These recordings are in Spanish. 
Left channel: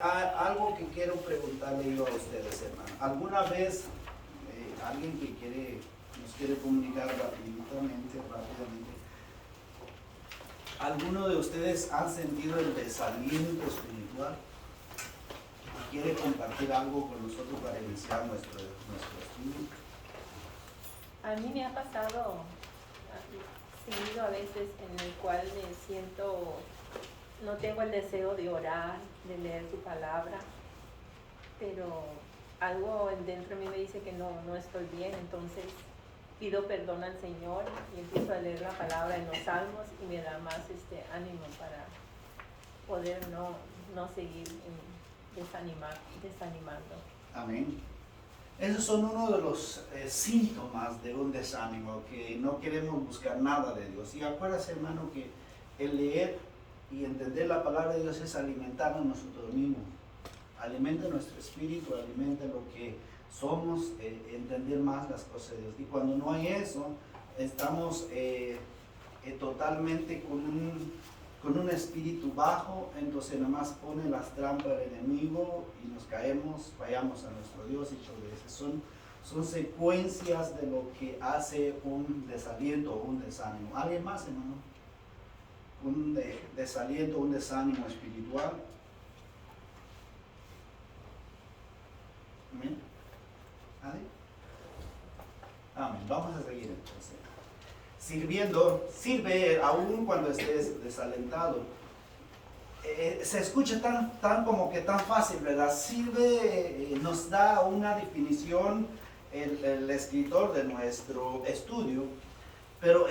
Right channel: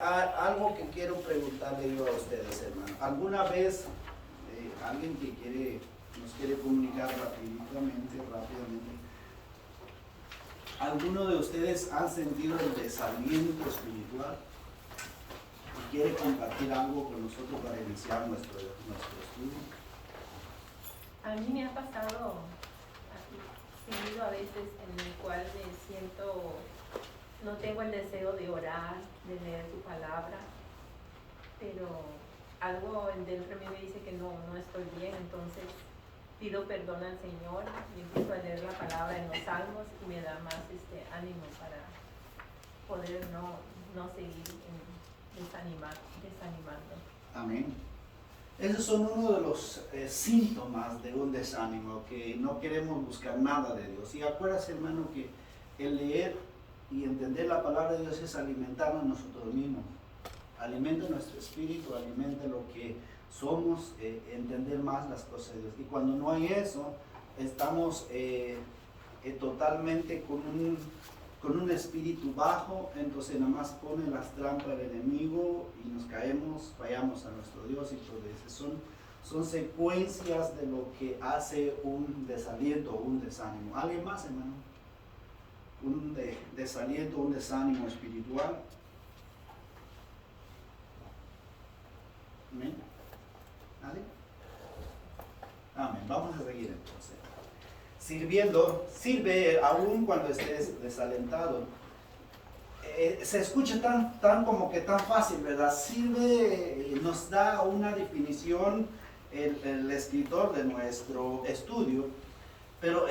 Algo que quiero preguntarle yo a ustedes, hermano. ¿Alguna vez alguien que nos quiere comunicar rápidamente, alguno de ustedes han sentido el desaliento espiritual y quiere compartir algo con nosotros para iniciar nuestro estudio? A mí me ha pasado seguido a veces en el cual me siento, no tengo el deseo de orar, de leer su palabra, pero algo dentro de mí me dice que no estoy bien, entonces pido perdón al Señor y empiezo a leer la palabra en los salmos y me da más ánimo para poder no seguir desanimando. Amén. Esos son uno de los síntomas de un desánimo, que no queremos buscar nada de Dios. Y acuérdate, hermano, que el leer y entender la palabra de Dios es alimentarnos nosotros mismos. Alimenta nuestro espíritu, alimenta lo que somos, entender más las cosas de Dios. Y cuando no hay eso, estamos totalmente con un espíritu bajo, entonces nada más pone las trampas del enemigo y nos caemos, fallamos a nuestro Dios y todo eso. Son secuencias de lo que hace un desaliento o un desánimo. ¿Alguien más, hermano? Un desaliento, un desánimo espiritual. Amén. ¿Nadie? Amén. Vamos a seguir entonces. Sirve aún cuando estés desalentado. Se escucha tan como que tan fácil, ¿verdad? Sirve, nos da una definición el escritor de nuestro estudio, pero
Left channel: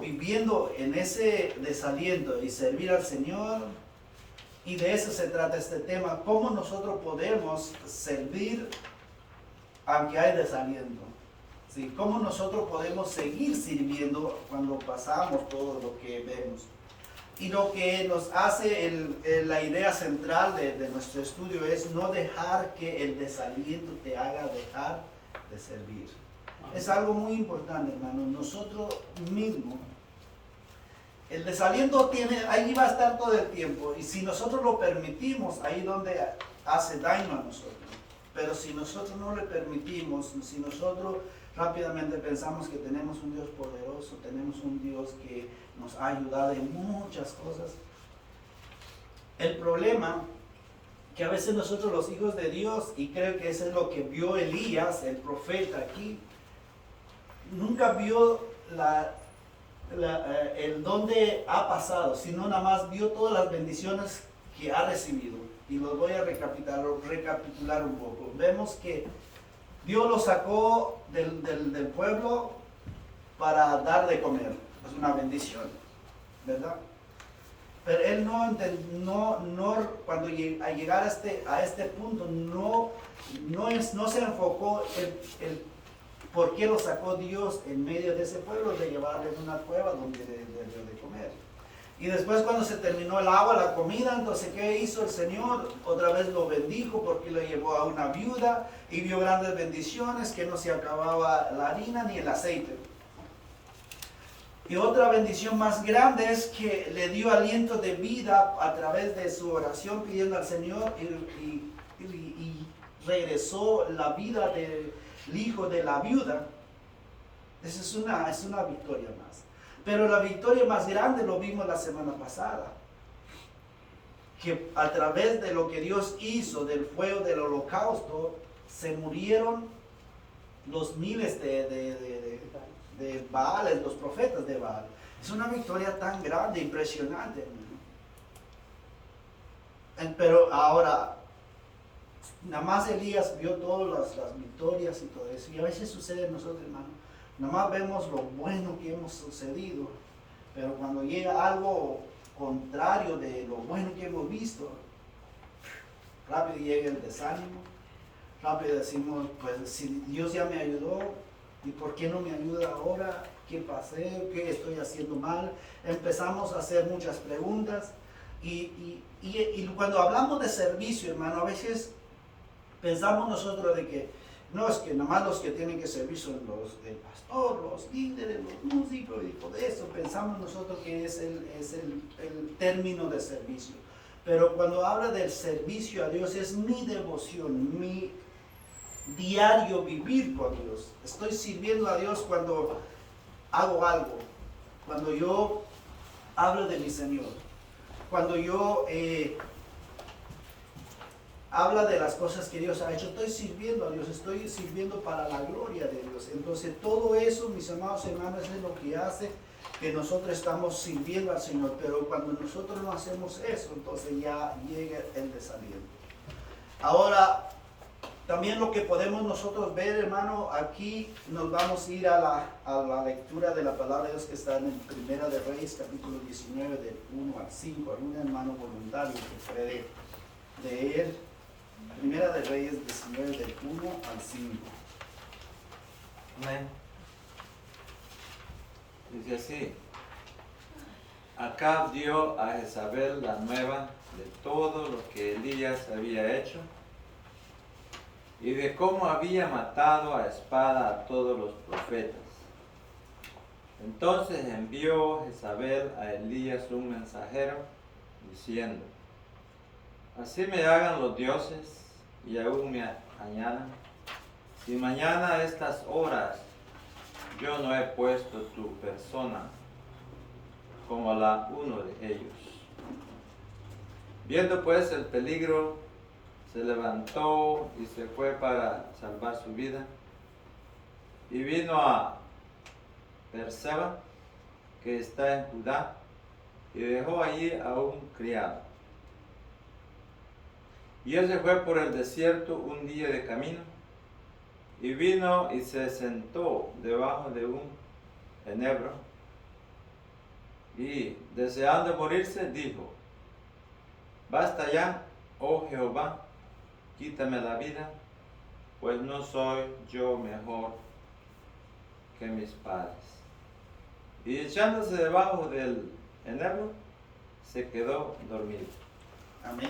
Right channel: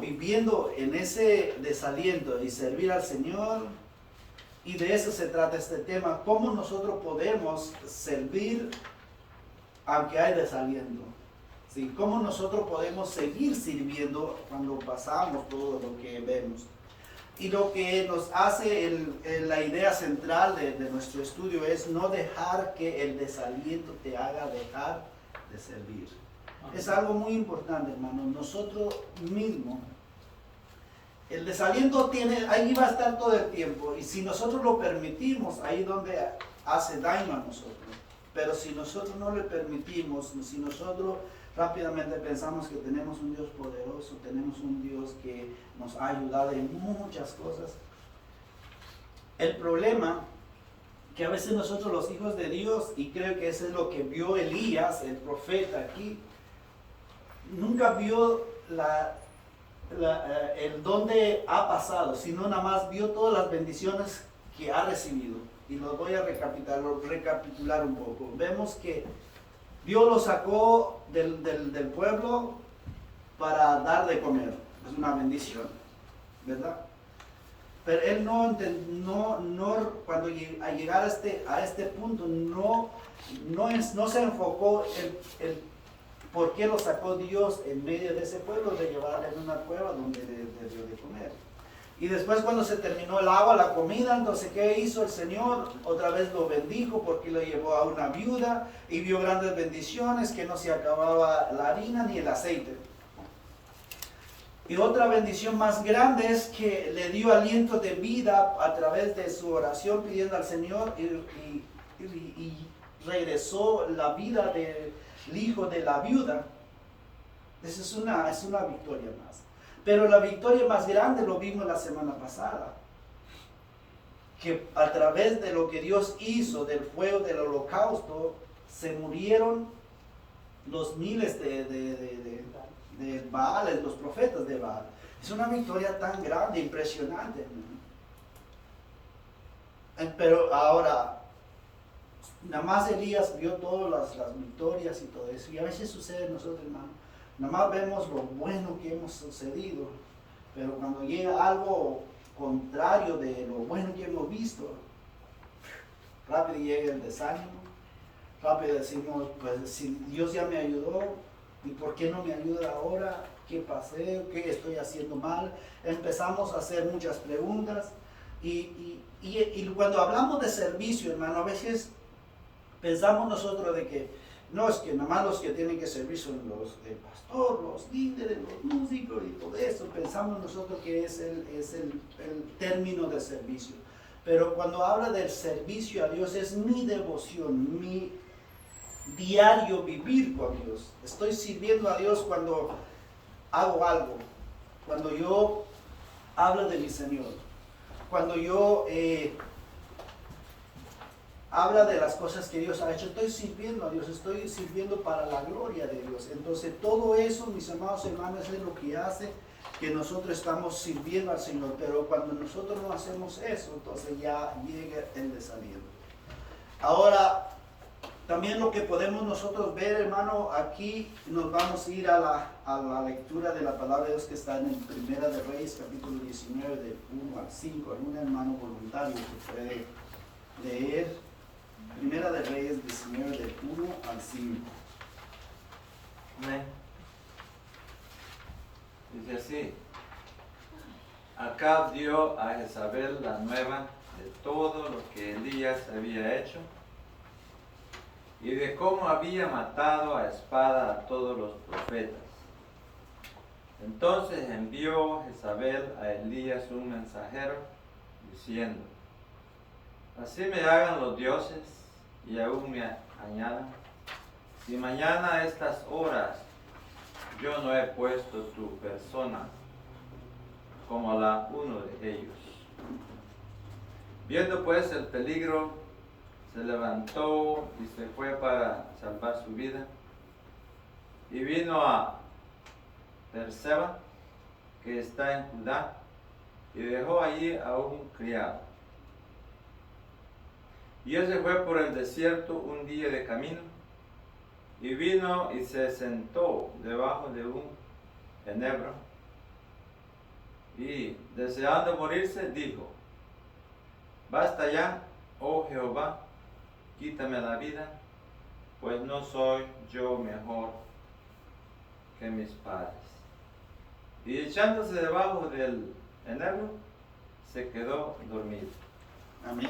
viviendo en ese desaliento y servir al Señor, y de eso se trata este tema, cómo nosotros podemos servir aunque hay desaliento. ¿Sí? ¿Cómo nosotros podemos seguir sirviendo cuando pasamos todo lo que vemos? Y lo que nos hace la idea central de nuestro estudio es no dejar que el desaliento te haga dejar de servir. Es algo muy importante, hermano. Nosotros mismos, el desaliento ahí va a estar todo el tiempo. Y si nosotros lo permitimos, ahí es donde hace daño a nosotros. Pero si nosotros no le permitimos, si nosotros rápidamente pensamos que tenemos un Dios poderoso, tenemos un Dios que nos ha ayudado en muchas cosas. El problema que a veces nosotros los hijos de Dios, y creo que eso es lo que vio Elías, el profeta aquí, nunca vio el dónde ha pasado, sino nada más vio todas las bendiciones que ha recibido. Y los voy a recapitular un poco. Vemos que Dios lo sacó del pueblo para dar de comer. Es una bendición, ¿verdad? Pero él cuando a llegar a este punto, no se enfocó el por qué lo sacó Dios en medio de ese pueblo, de llevarle en una cueva donde dio de comer. Y después, cuando se terminó el agua, la comida, entonces ¿qué hizo el Señor? Otra vez lo bendijo porque lo llevó a una viuda y vio grandes bendiciones, que no se acababa la harina ni el aceite. Y otra bendición más grande es que le dio aliento de vida a través de su oración pidiendo al Señor y regresó la vida del hijo de la viuda. Esa es una victoria más. Pero la victoria más grande lo vimos la semana pasada, que a través de lo que Dios hizo del fuego del holocausto, se murieron los miles de Baal, los profetas de Baal. Es una victoria tan grande, impresionante, hermano. Pero ahora, nada más Elías vio todas las victorias y todo eso, y a veces sucede en nosotros, hermano. Nada más vemos lo bueno que hemos sucedido, pero cuando llega algo contrario de lo bueno que hemos visto, rápido llega el desánimo, rápido decimos, pues si Dios ya me ayudó, ¿y por qué no me ayuda ahora? ¿Qué pasé? ¿Qué estoy haciendo mal? Empezamos a hacer muchas preguntas y cuando hablamos de servicio, hermano, a veces pensamos nosotros de que no, es que nada más los que tienen que servir son el pastor, los líderes, los músicos y todo eso. Pensamos nosotros que es el término de servicio. Pero cuando habla del servicio a Dios, es mi devoción, mi diario vivir con Dios. Estoy sirviendo a Dios cuando hago algo, cuando yo hablo de mi Señor, cuando yo habla de las cosas que Dios ha hecho. Estoy sirviendo a Dios, estoy sirviendo para la gloria de Dios. Entonces todo eso, mis amados hermanos, es lo que hace que nosotros estamos sirviendo al Señor. Pero cuando nosotros no hacemos eso, entonces ya llega el desaliento. Ahora, también lo que podemos nosotros ver, hermano, aquí nos vamos a ir a la lectura de la palabra de Dios que está en el Primera de Reyes, capítulo 19, del 1 al 5. ¿Algún hermano voluntario que puede leer Primera de Reyes 19, del 1 al 5? Amén. Dice así: Acab dio a Jezabel la nueva de todo lo que Elías había hecho y de cómo había matado a espada a todos los profetas. Entonces envió Jezabel a Elías un mensajero diciendo: Así me hagan los dioses y aún me añadan, si mañana a estas horas yo no he puesto tu persona como la uno de ellos. Viendo pues el peligro, se levantó y se fue para salvar su vida, y vino a Beerseba, que está en Judá, y dejó allí a un criado. Y él se fue por el desierto un día de camino, y vino y se sentó debajo de un enebro, y deseando morirse dijo: Basta ya, oh Jehová, quítame la vida, pues no soy yo mejor que mis padres. Y echándose debajo del enebro, se quedó dormido. Amén.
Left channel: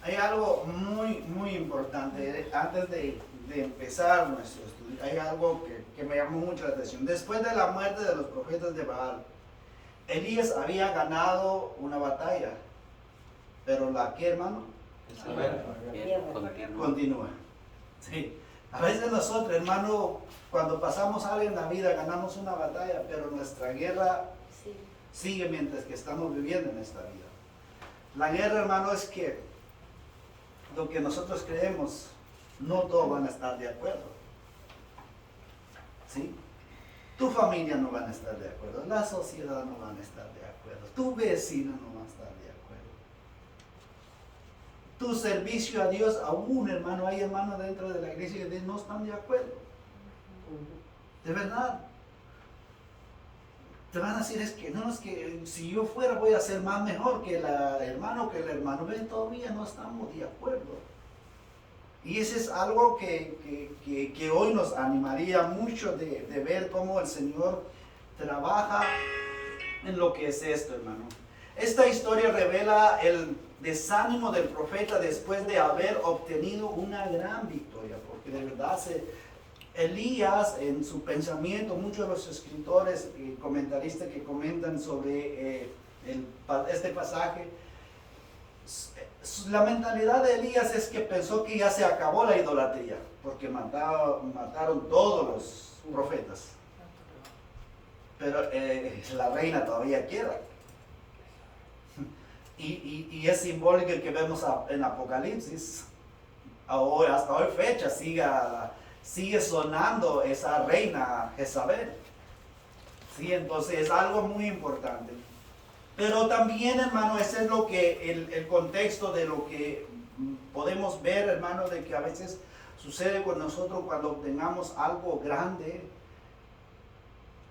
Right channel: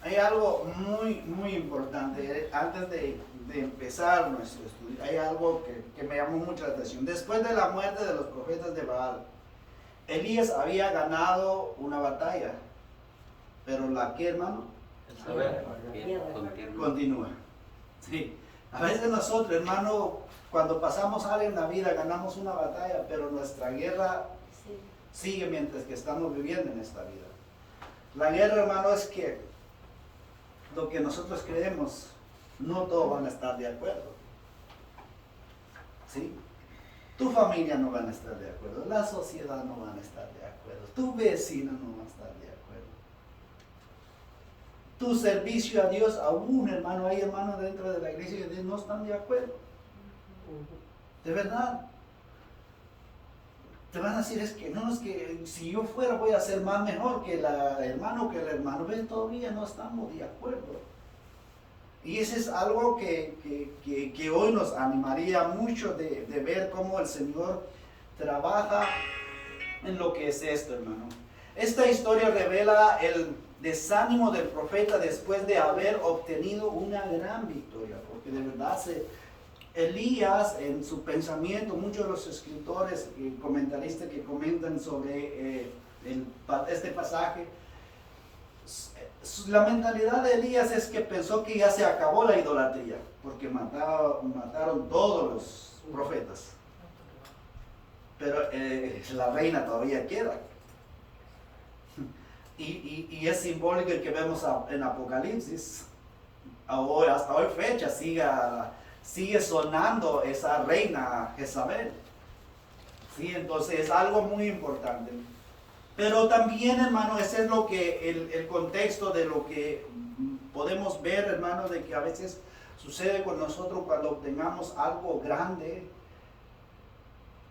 Hay algo muy importante antes de empezar nuestro estudio. Hay algo que me llamó mucho la atención. Después de la muerte de los profetas de Baal, Elías había ganado una batalla, pero la que, hermano, continúa. Sí. A veces nosotros, hermano, cuando pasamos algo en la vida, ganamos una batalla, pero nuestra guerra sigue mientras que estamos viviendo en esta vida. La guerra, hermano, es que lo que nosotros creemos, no todos van a estar de acuerdo. ¿Sí? Tu familia no van a estar de acuerdo, la sociedad no van a estar de acuerdo, tu vecino no va a estar de acuerdo. Tu servicio a Dios, aún, hermano, hay hermanos dentro de la iglesia que no están de acuerdo. De verdad. Te van a decir, es que si yo fuera voy a ser más mejor que el hermano. Ven, todavía no estamos de acuerdo. Y eso es algo que hoy nos animaría mucho de ver cómo el Señor trabaja en lo que es esto, hermano. Esta historia revela el desánimo del profeta después de haber obtenido una gran victoria, porque de verdad Elías, en su pensamiento, muchos de los escritores y comentaristas que comentan sobre este pasaje, la mentalidad de Elías es que pensó que ya se acabó la idolatría, porque mataron todos los profetas. Pero la reina todavía queda. Y es simbólico el que vemos en Apocalipsis. Ahora, hasta hoy fecha sigue sonando esa reina Jezabel. Sí, entonces es algo muy importante. Pero también, hermano, ese es lo que el contexto de lo que podemos ver, hermano, de que a veces sucede con nosotros cuando obtengamos algo grande.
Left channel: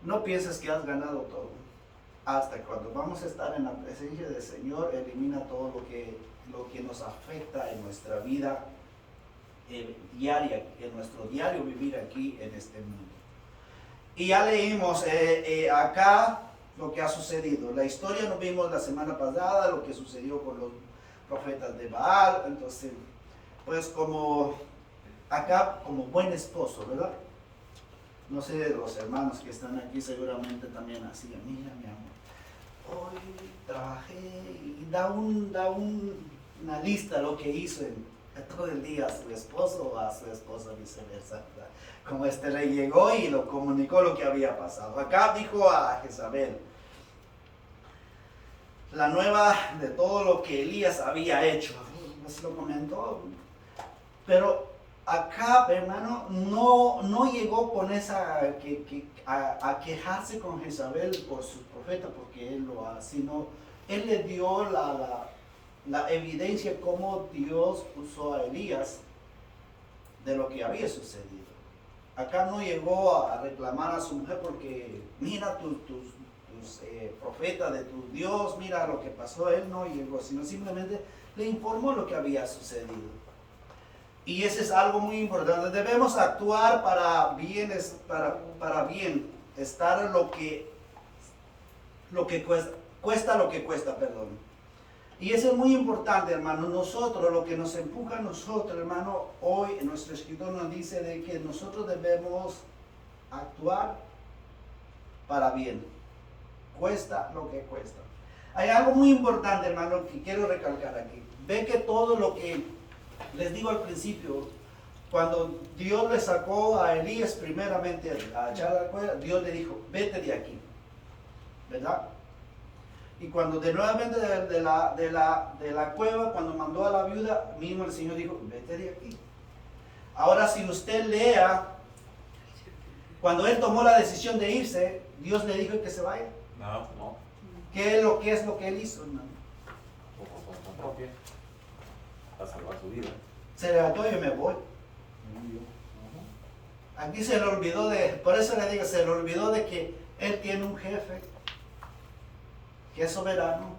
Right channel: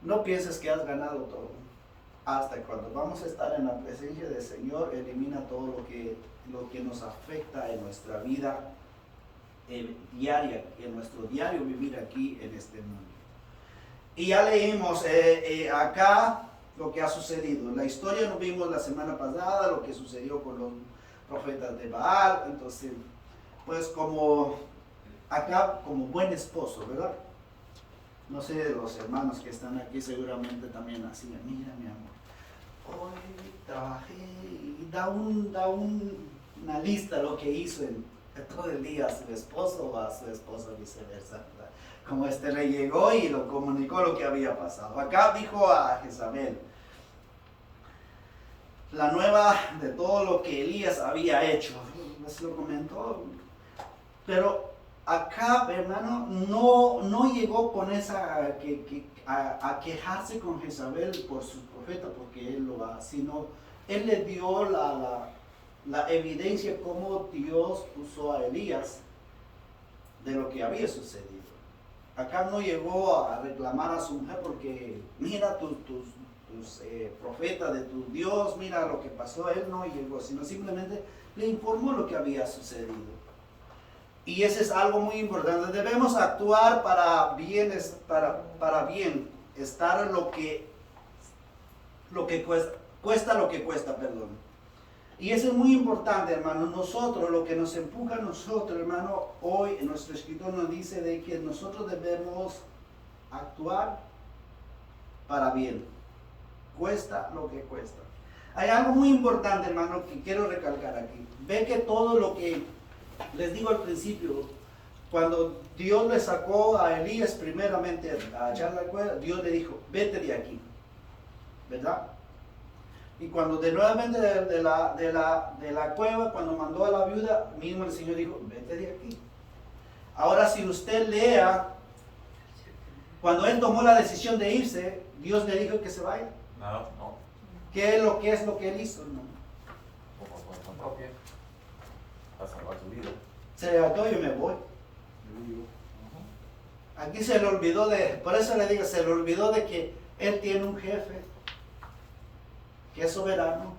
No pienses que has ganado todo. Hasta cuando vamos a estar en la presencia del Señor, elimina todo lo que nos afecta en nuestra vida diaria, en nuestro diario vivir aquí en este mundo. Y ya leímos acá lo que ha sucedido. La historia nos vimos la semana pasada, lo que sucedió con los profetas de Baal. Entonces, pues como acá, como buen esposo, ¿verdad? No sé, los hermanos que están aquí seguramente también hacían, mira mi amor, hoy trabajé y da una lista de lo que hizo en todo el día a su esposo o a su esposo, viceversa, ¿verdad? Como le llegó y lo comunicó lo que había pasado. Acá dijo a Jezabel la nueva de todo lo que Elías había hecho. Pues lo comentó, pero acá, hermano, no llegó con esa a quejarse con Jezabel por su profeta, porque él lo hace, sino él le dio la evidencia cómo Dios usó a Elías de lo que había sucedido. Acá no llegó a reclamar a su mujer porque mira tus profetas de tu Dios, mira lo que pasó. Él no llegó, sino simplemente le informó lo que había sucedido. Y ese es algo muy importante. Debemos actuar para bien, para bien, estar lo que cuesta lo que cuesta, perdón. Y eso es muy importante, hermano. Nosotros, lo que nos empuja a nosotros, hermano, hoy nuestro escritor nos dice de que nosotros debemos actuar para bien. Cuesta lo que cuesta. Hay algo muy importante, hermano, que quiero recalcar aquí. Ve que todo lo que les digo al principio, cuando Dios le sacó a Elías primeramente a echar la cuerda, Dios le dijo, vete de aquí, ¿verdad? Y cuando de nuevamente de la cueva, cuando mandó a la viuda, mismo el Señor dijo, vete de aquí. Ahora si usted lea, cuando él tomó la decisión de irse, Dios le dijo que se vaya. No. ¿Qué es lo que él hizo, hermano? Por cuenta propia. Para salvar su vida. Se levantó y yo me voy. Aquí se le olvidó por eso le digo, se le olvidó de que él tiene un jefe que es soberano,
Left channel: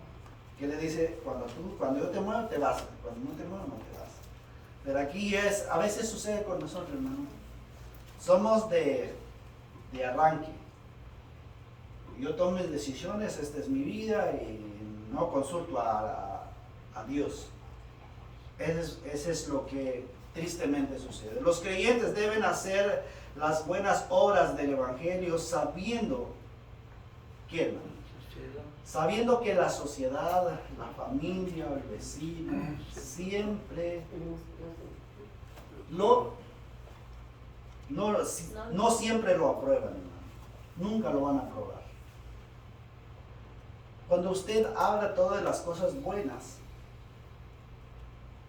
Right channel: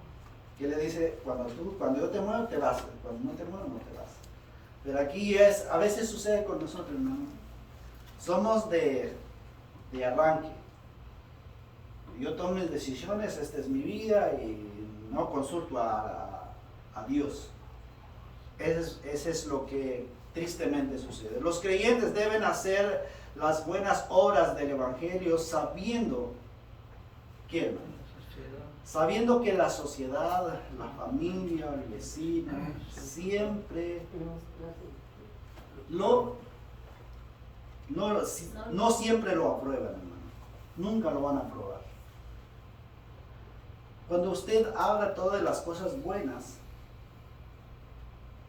que le dice, cuando yo te muevo te vas, cuando no te muevo no te vas. Pero aquí a veces sucede con nosotros, hermano. Somos de arranque. Yo tomo mis decisiones, esta es mi vida y no consulto a Dios. Ese es lo que tristemente sucede. Los creyentes deben hacer las buenas obras del Evangelio sabiendo que, hermano, sabiendo que la sociedad, la familia, el vecino, siempre no siempre lo aprueban, hermano. Nunca lo van a aprobar. Cuando usted habla todas las cosas buenas,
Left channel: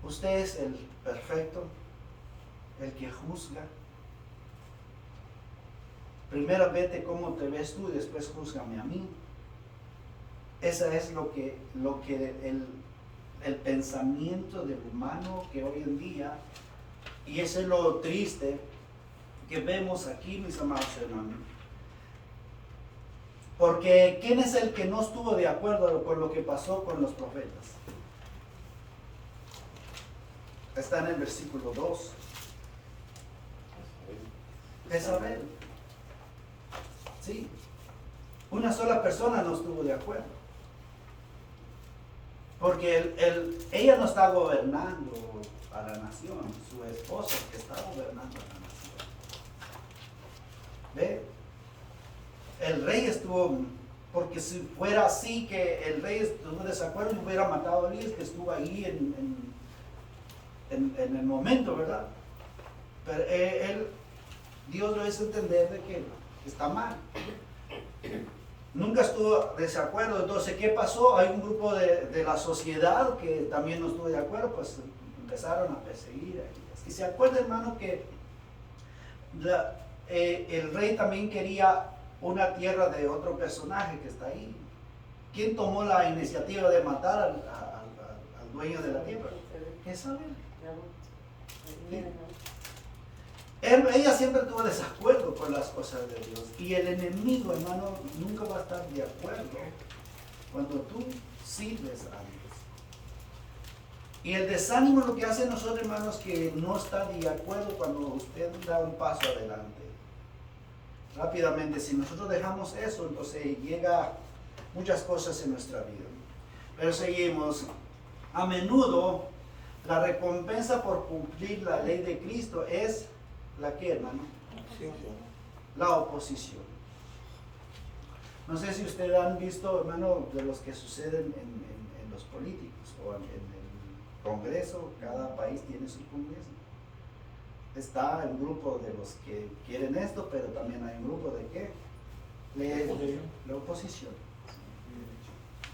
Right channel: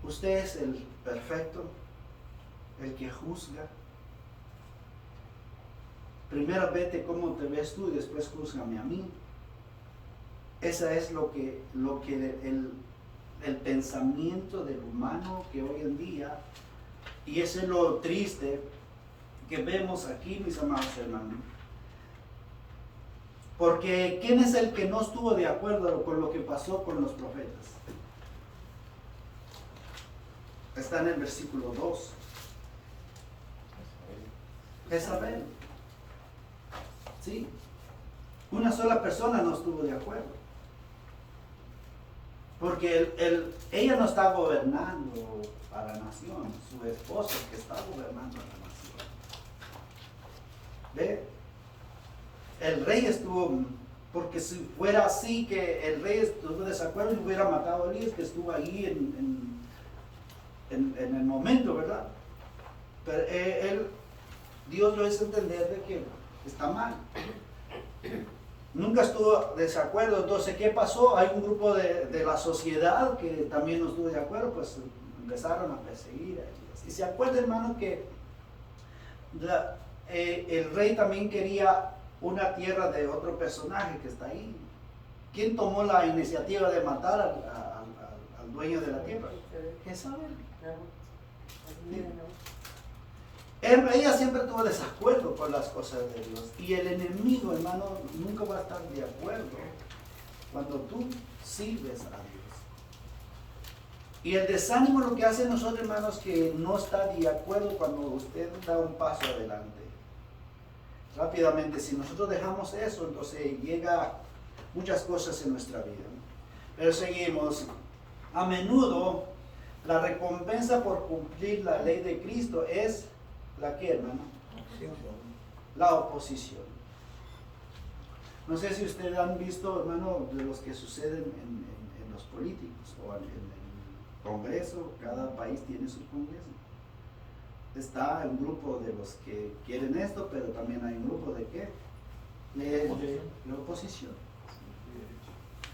usted es el perfecto, el que juzga. Primero vete cómo te ves tú y después júzgame a mí. Esa es lo que el pensamiento del humano que hoy en día, y eso es lo triste que vemos aquí, mis amados hermanos. Porque ¿quién es el que no estuvo de acuerdo con lo que pasó con los profetas? Está en el versículo 2. Jezabel. Sí. Una sola persona no estuvo de acuerdo. Porque ella no está gobernando a la nación, su esposo es que está gobernando a la nación. ¿Ve? El rey estuvo, porque si fuera así que el rey estuvo de desacuerdo y hubiera matado a Elías, que estuvo ahí en el momento, ¿verdad? Pero Dios lo hizo entender de que está mal. Nunca estuvo de desacuerdo. Entonces, ¿qué pasó? Hay un grupo de la sociedad que también no estuvo de acuerdo, pues empezaron a perseguir a Elías. Y se acuerda, hermano, que el rey también quería una tierra de otro personaje que está ahí. ¿Quién tomó la iniciativa de matar al dueño de la tierra? Jezabel. Sí. Ella siempre tuvo desacuerdo con las cosas de Dios. Y el enemigo, hermano, nunca va a estar de acuerdo cuando tú sirves a Dios. Y el desánimo lo que hace nosotros, hermanos, que no está de acuerdo cuando usted da un paso adelante. Rápidamente, si nosotros dejamos eso, entonces llega muchas cosas en nuestra vida. Pero seguimos. A menudo la recompensa por cumplir la ley de Cristo es ¿la qué, hermano? La oposición. No sé si ustedes han visto, hermano, de los que suceden en los políticos o en el Congreso. Cada país tiene su Congreso. Está el grupo de los que quieren esto, pero también hay un grupo de ¿qué? De la oposición.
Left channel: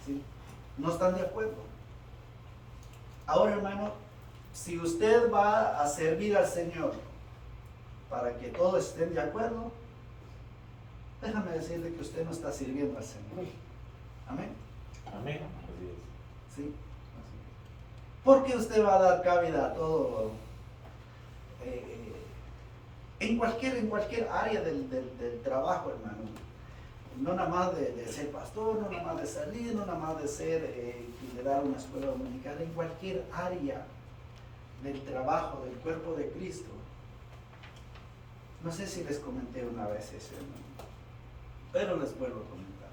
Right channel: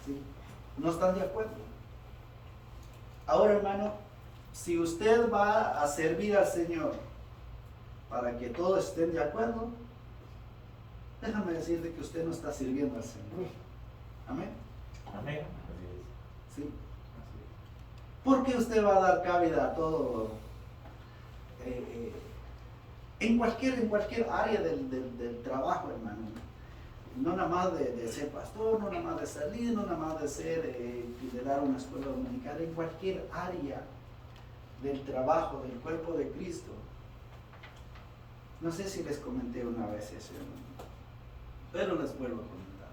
¿Sí? No están de acuerdo. Ahora, hermano, si usted va a servir al Señor para que todos estén de acuerdo, déjame decirle que usted no está sirviendo al Señor. Amén. Amén. ¿Sí? Porque usted va a dar cabida a todo, en cualquier área del trabajo, hermano. No nada más de ser pastor, no nada más de salir, no nada más de ser liderar una escuela dominical, en cualquier área del trabajo, del cuerpo de Cristo. No sé si les comenté una vez eso, hermano, pero les vuelvo a comentar.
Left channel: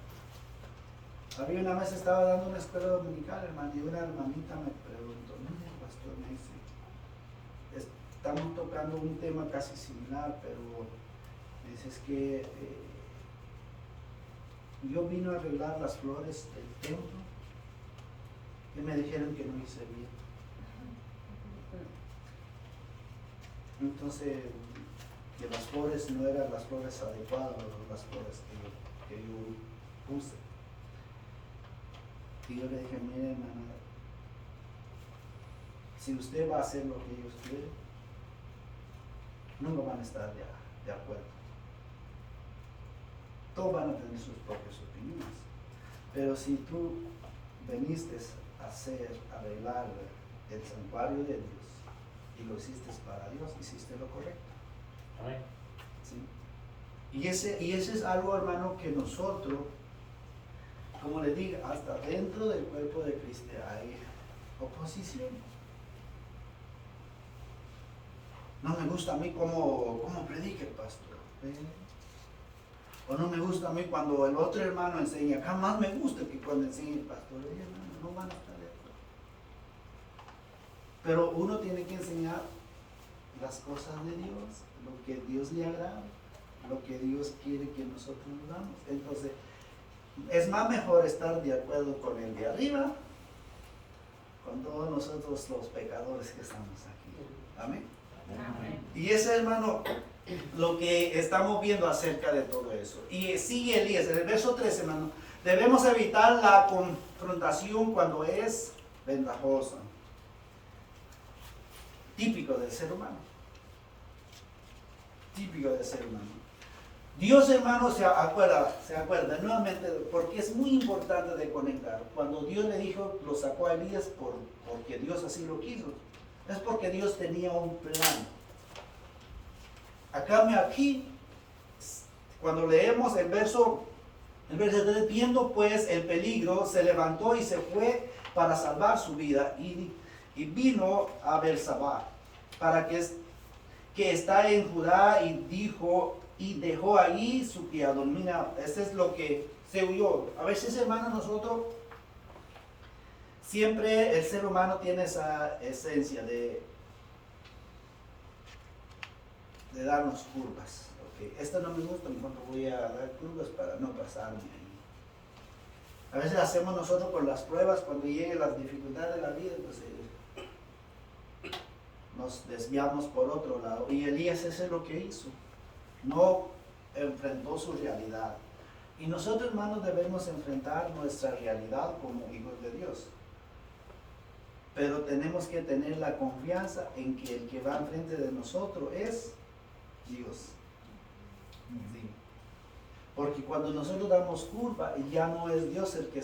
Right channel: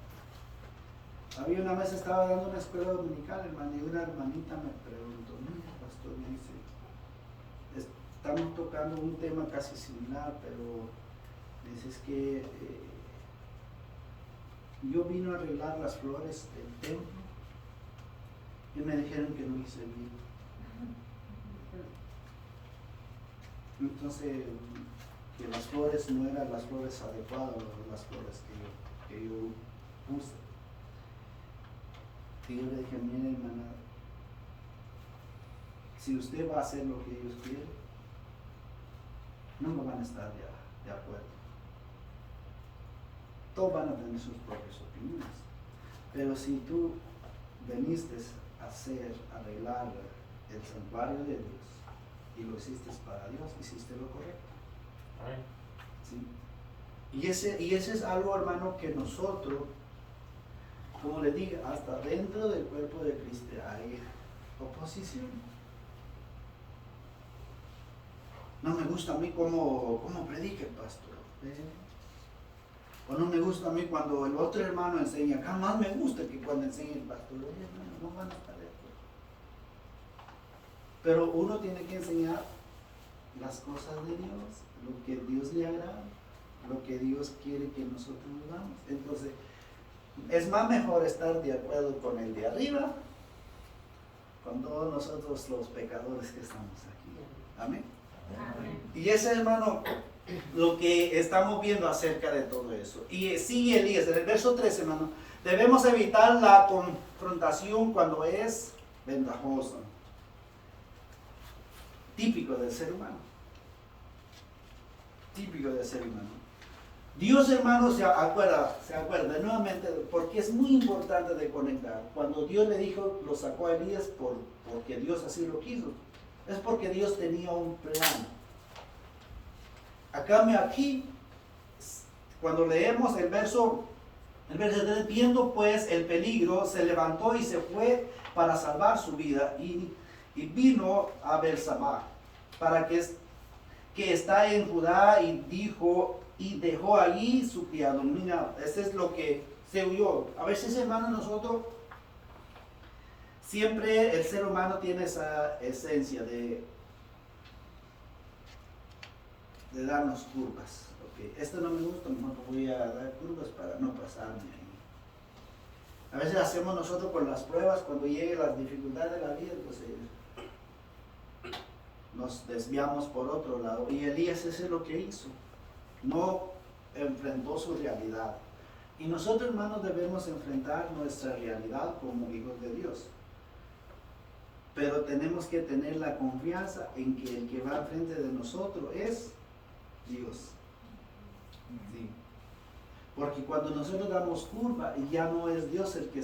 Había una vez, estaba dando una escuela dominical, hermano, y una hermanita me preguntó, mira, pastor, me dice, estamos tocando un tema casi similar, pero me dice, es que yo vino a arreglar las flores del templo y me dijeron que no hice bien. Entonces, que las flores no eran las flores adecuadas, las flores que yo puse. Y yo le dije, mire, hermana, si usted va a hacer lo que ellos quieren, no lo van a estar de acuerdo. Todos van a tener sus propias opiniones. Pero si tú viniste a arreglar el santuario de Dios y lo hiciste para Dios, hiciste lo correcto. Amén. ¿Sí? Y ese es algo, hermano, que nosotros, como les digo, hasta dentro del cuerpo de Cristo hay oposición. No me gusta a mí cómo predica el pastor. O no me gusta a mí cuando el otro hermano enseña. Jamás me gusta que cuando enseña el pastor. Oye, hermano, no van a estar de acuerdo. Pero uno tiene que enseñar las cosas de Dios, lo que Dios le agrada, lo que Dios quiere que nosotros hagamos. Entonces, es más mejor estar de acuerdo con el de arriba, con todos nosotros los pecadores que estamos aquí. Amén. Amén. Y ese, hermano, lo que estamos viendo acerca de todo eso. Y sigue Elías, en el verso 13, hermano, debemos evitar la confrontación cuando es ventajosa. Típico del ser humano. Típico del ser humano. Dios, hermano, se acuerda nuevamente, porque es muy importante de conectar. Cuando Dios le dijo, lo sacó a Elías porque Dios así lo quiso. Es porque Dios tenía un plan. Aquí, cuando leemos el verso 3, viendo pues el peligro, se levantó y se fue para salvar su vida y vino a Bersabá, para que está en Judá, y dejó allí su criado. Mira, este es lo que se huyó. A veces, hermano, nosotros siempre el ser humano tiene esa esencia de darnos curvas. Okay. Esto no me gusta, mejor voy a dar curvas para no pasarme ahí. A veces hacemos nosotros con las pruebas, cuando lleguen las dificultades de la vida, entonces nos desviamos por otro lado. Y Elías eso es lo que hizo. No enfrentó su realidad. Y nosotros, hermanos, debemos enfrentar nuestra realidad como hijos de Dios. Pero tenemos que tener la confianza en que el que va enfrente de nosotros es Dios. Sí. Porque cuando nosotros damos curva, ya no es Dios el que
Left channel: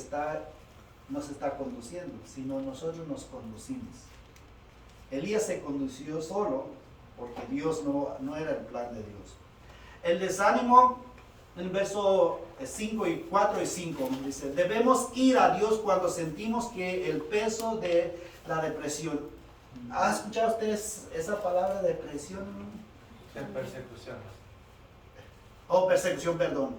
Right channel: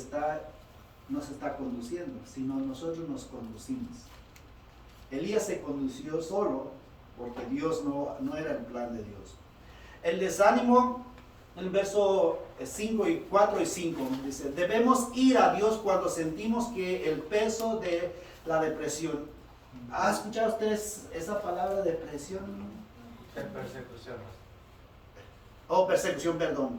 nos está conduciendo, sino nosotros nos conducimos. Elías se condució solo porque Dios no era el plan de Dios. El desánimo, en el verso 4 y 5, dice, debemos ir a Dios cuando sentimos que el peso de la depresión. ¿Han escuchado ustedes esa palabra depresión? En persecución. Persecución, perdón.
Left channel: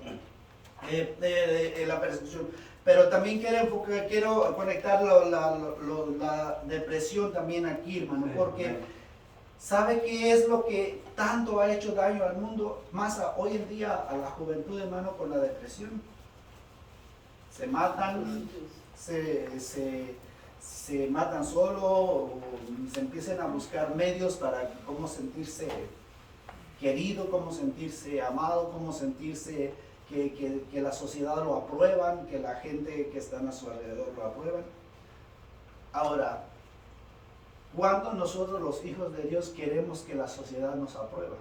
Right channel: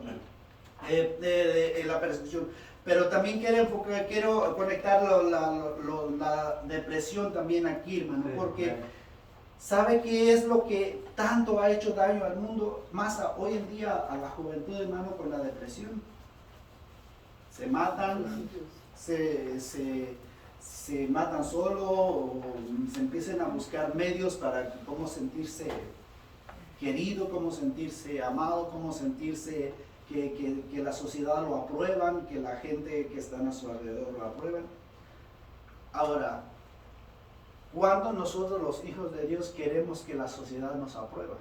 La persecución. Pero también quiero conectar la depresión también aquí, hermano, porque ¿sabe qué es lo que tanto ha hecho daño al mundo? Más hoy en día a la juventud, hermano, con la depresión. se matan, se matan solo o se empiezan a buscar medios para cómo sentirse querido, cómo sentirse amado, cómo sentirse que la sociedad lo aprueban, que la gente que está a su alrededor lo aprueban. Ahora, ¿cuándo nosotros los hijos de Dios queremos que la sociedad nos apruebe?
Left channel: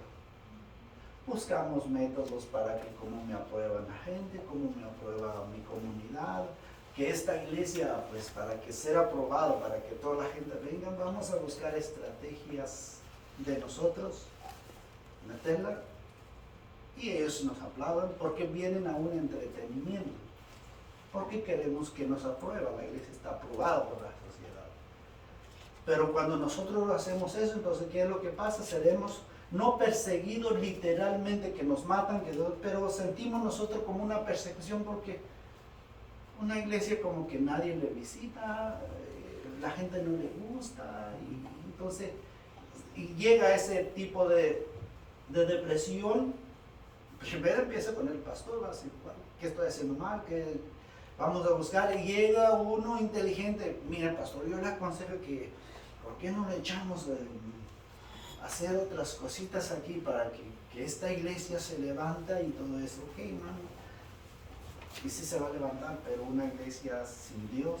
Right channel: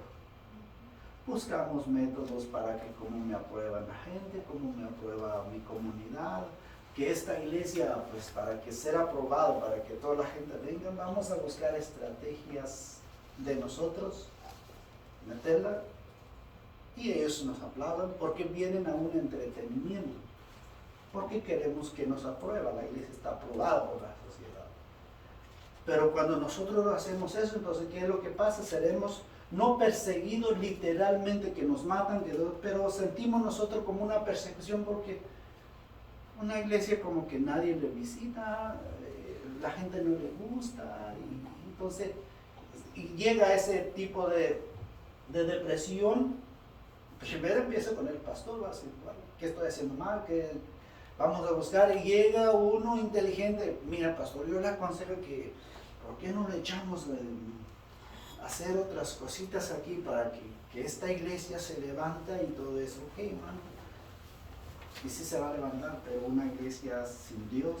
Buscamos métodos para que cómo me aprueba la gente, cómo me aprueba mi comunidad, que esta iglesia, pues para que sea aprobado, para que toda la gente venga, vamos a buscar estrategias de nosotros, meterla, y ellos nos aplauden porque vienen a un entretenimiento, porque queremos que nos aprueba, la iglesia está aprobada por la sociedad. Pero cuando nosotros hacemos eso, entonces ¿qué es lo que pasa? Seremos no perseguidos literalmente, que nos matan, pero sentimos nosotros como una persecución porque una iglesia como que nadie le visita, la gente no le gusta, y entonces y llega ese tipo de depresión. Primero empieza con el pastor, va a decir, bueno, ¿qué estoy haciendo mal? ¿Qué vamos a buscar? Y llega uno inteligente, mira pastor, yo le aconsejo que, ¿por qué no le echamos a hacer otras cositas aquí para que esta iglesia se levanta y todo eso? Ok, hermano, y sí se va a levantar, pero una iglesia sin Dios,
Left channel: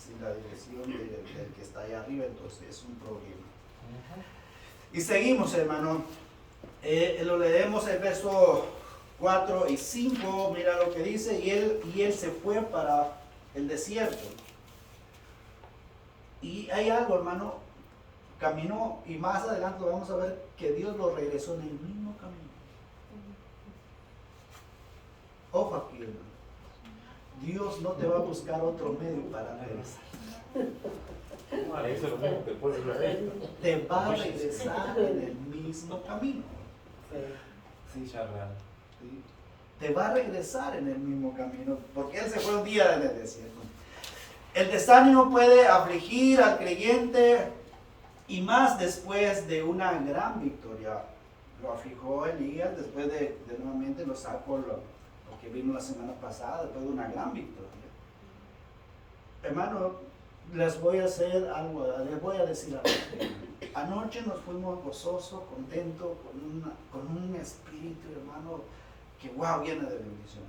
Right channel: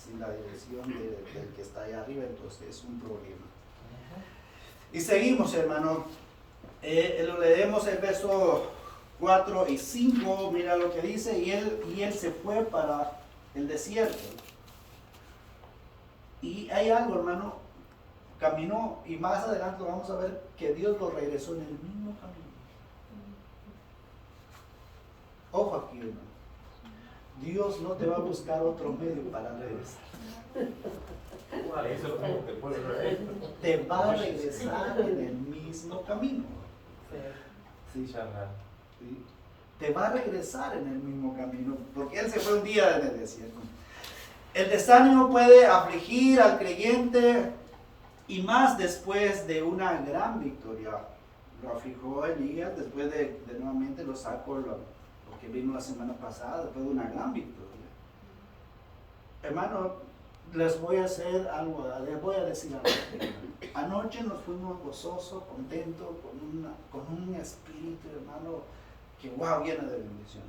sin la dirección del que está allá arriba, entonces es un problema. Y seguimos, hermano. Lo leemos el verso 4 y 5, mira lo que dice, y él se fue para el desierto. Y hay algo, hermano, caminó, y más adelante vamos a ver que Dios lo regresó en el mismo camino. Ojo aquí, hermano. Dios no te va a buscar otro medio para regresar. Te va a regresar en el mismo camino. Sí. Te va a regresar en el mismo camino, porque él se fue un día en el desierto. El desánimo puede afligir al creyente, y más después de una gran victoria. Lo afligió Elías después de nuevamente lo sacó, lo que vimos la semana pasada, después de una gran victoria. Hermano, les voy a decir algo. Anoche nos fuimos gozosos, contentos, con un espíritu, hermano, que wow, lleno de bendición.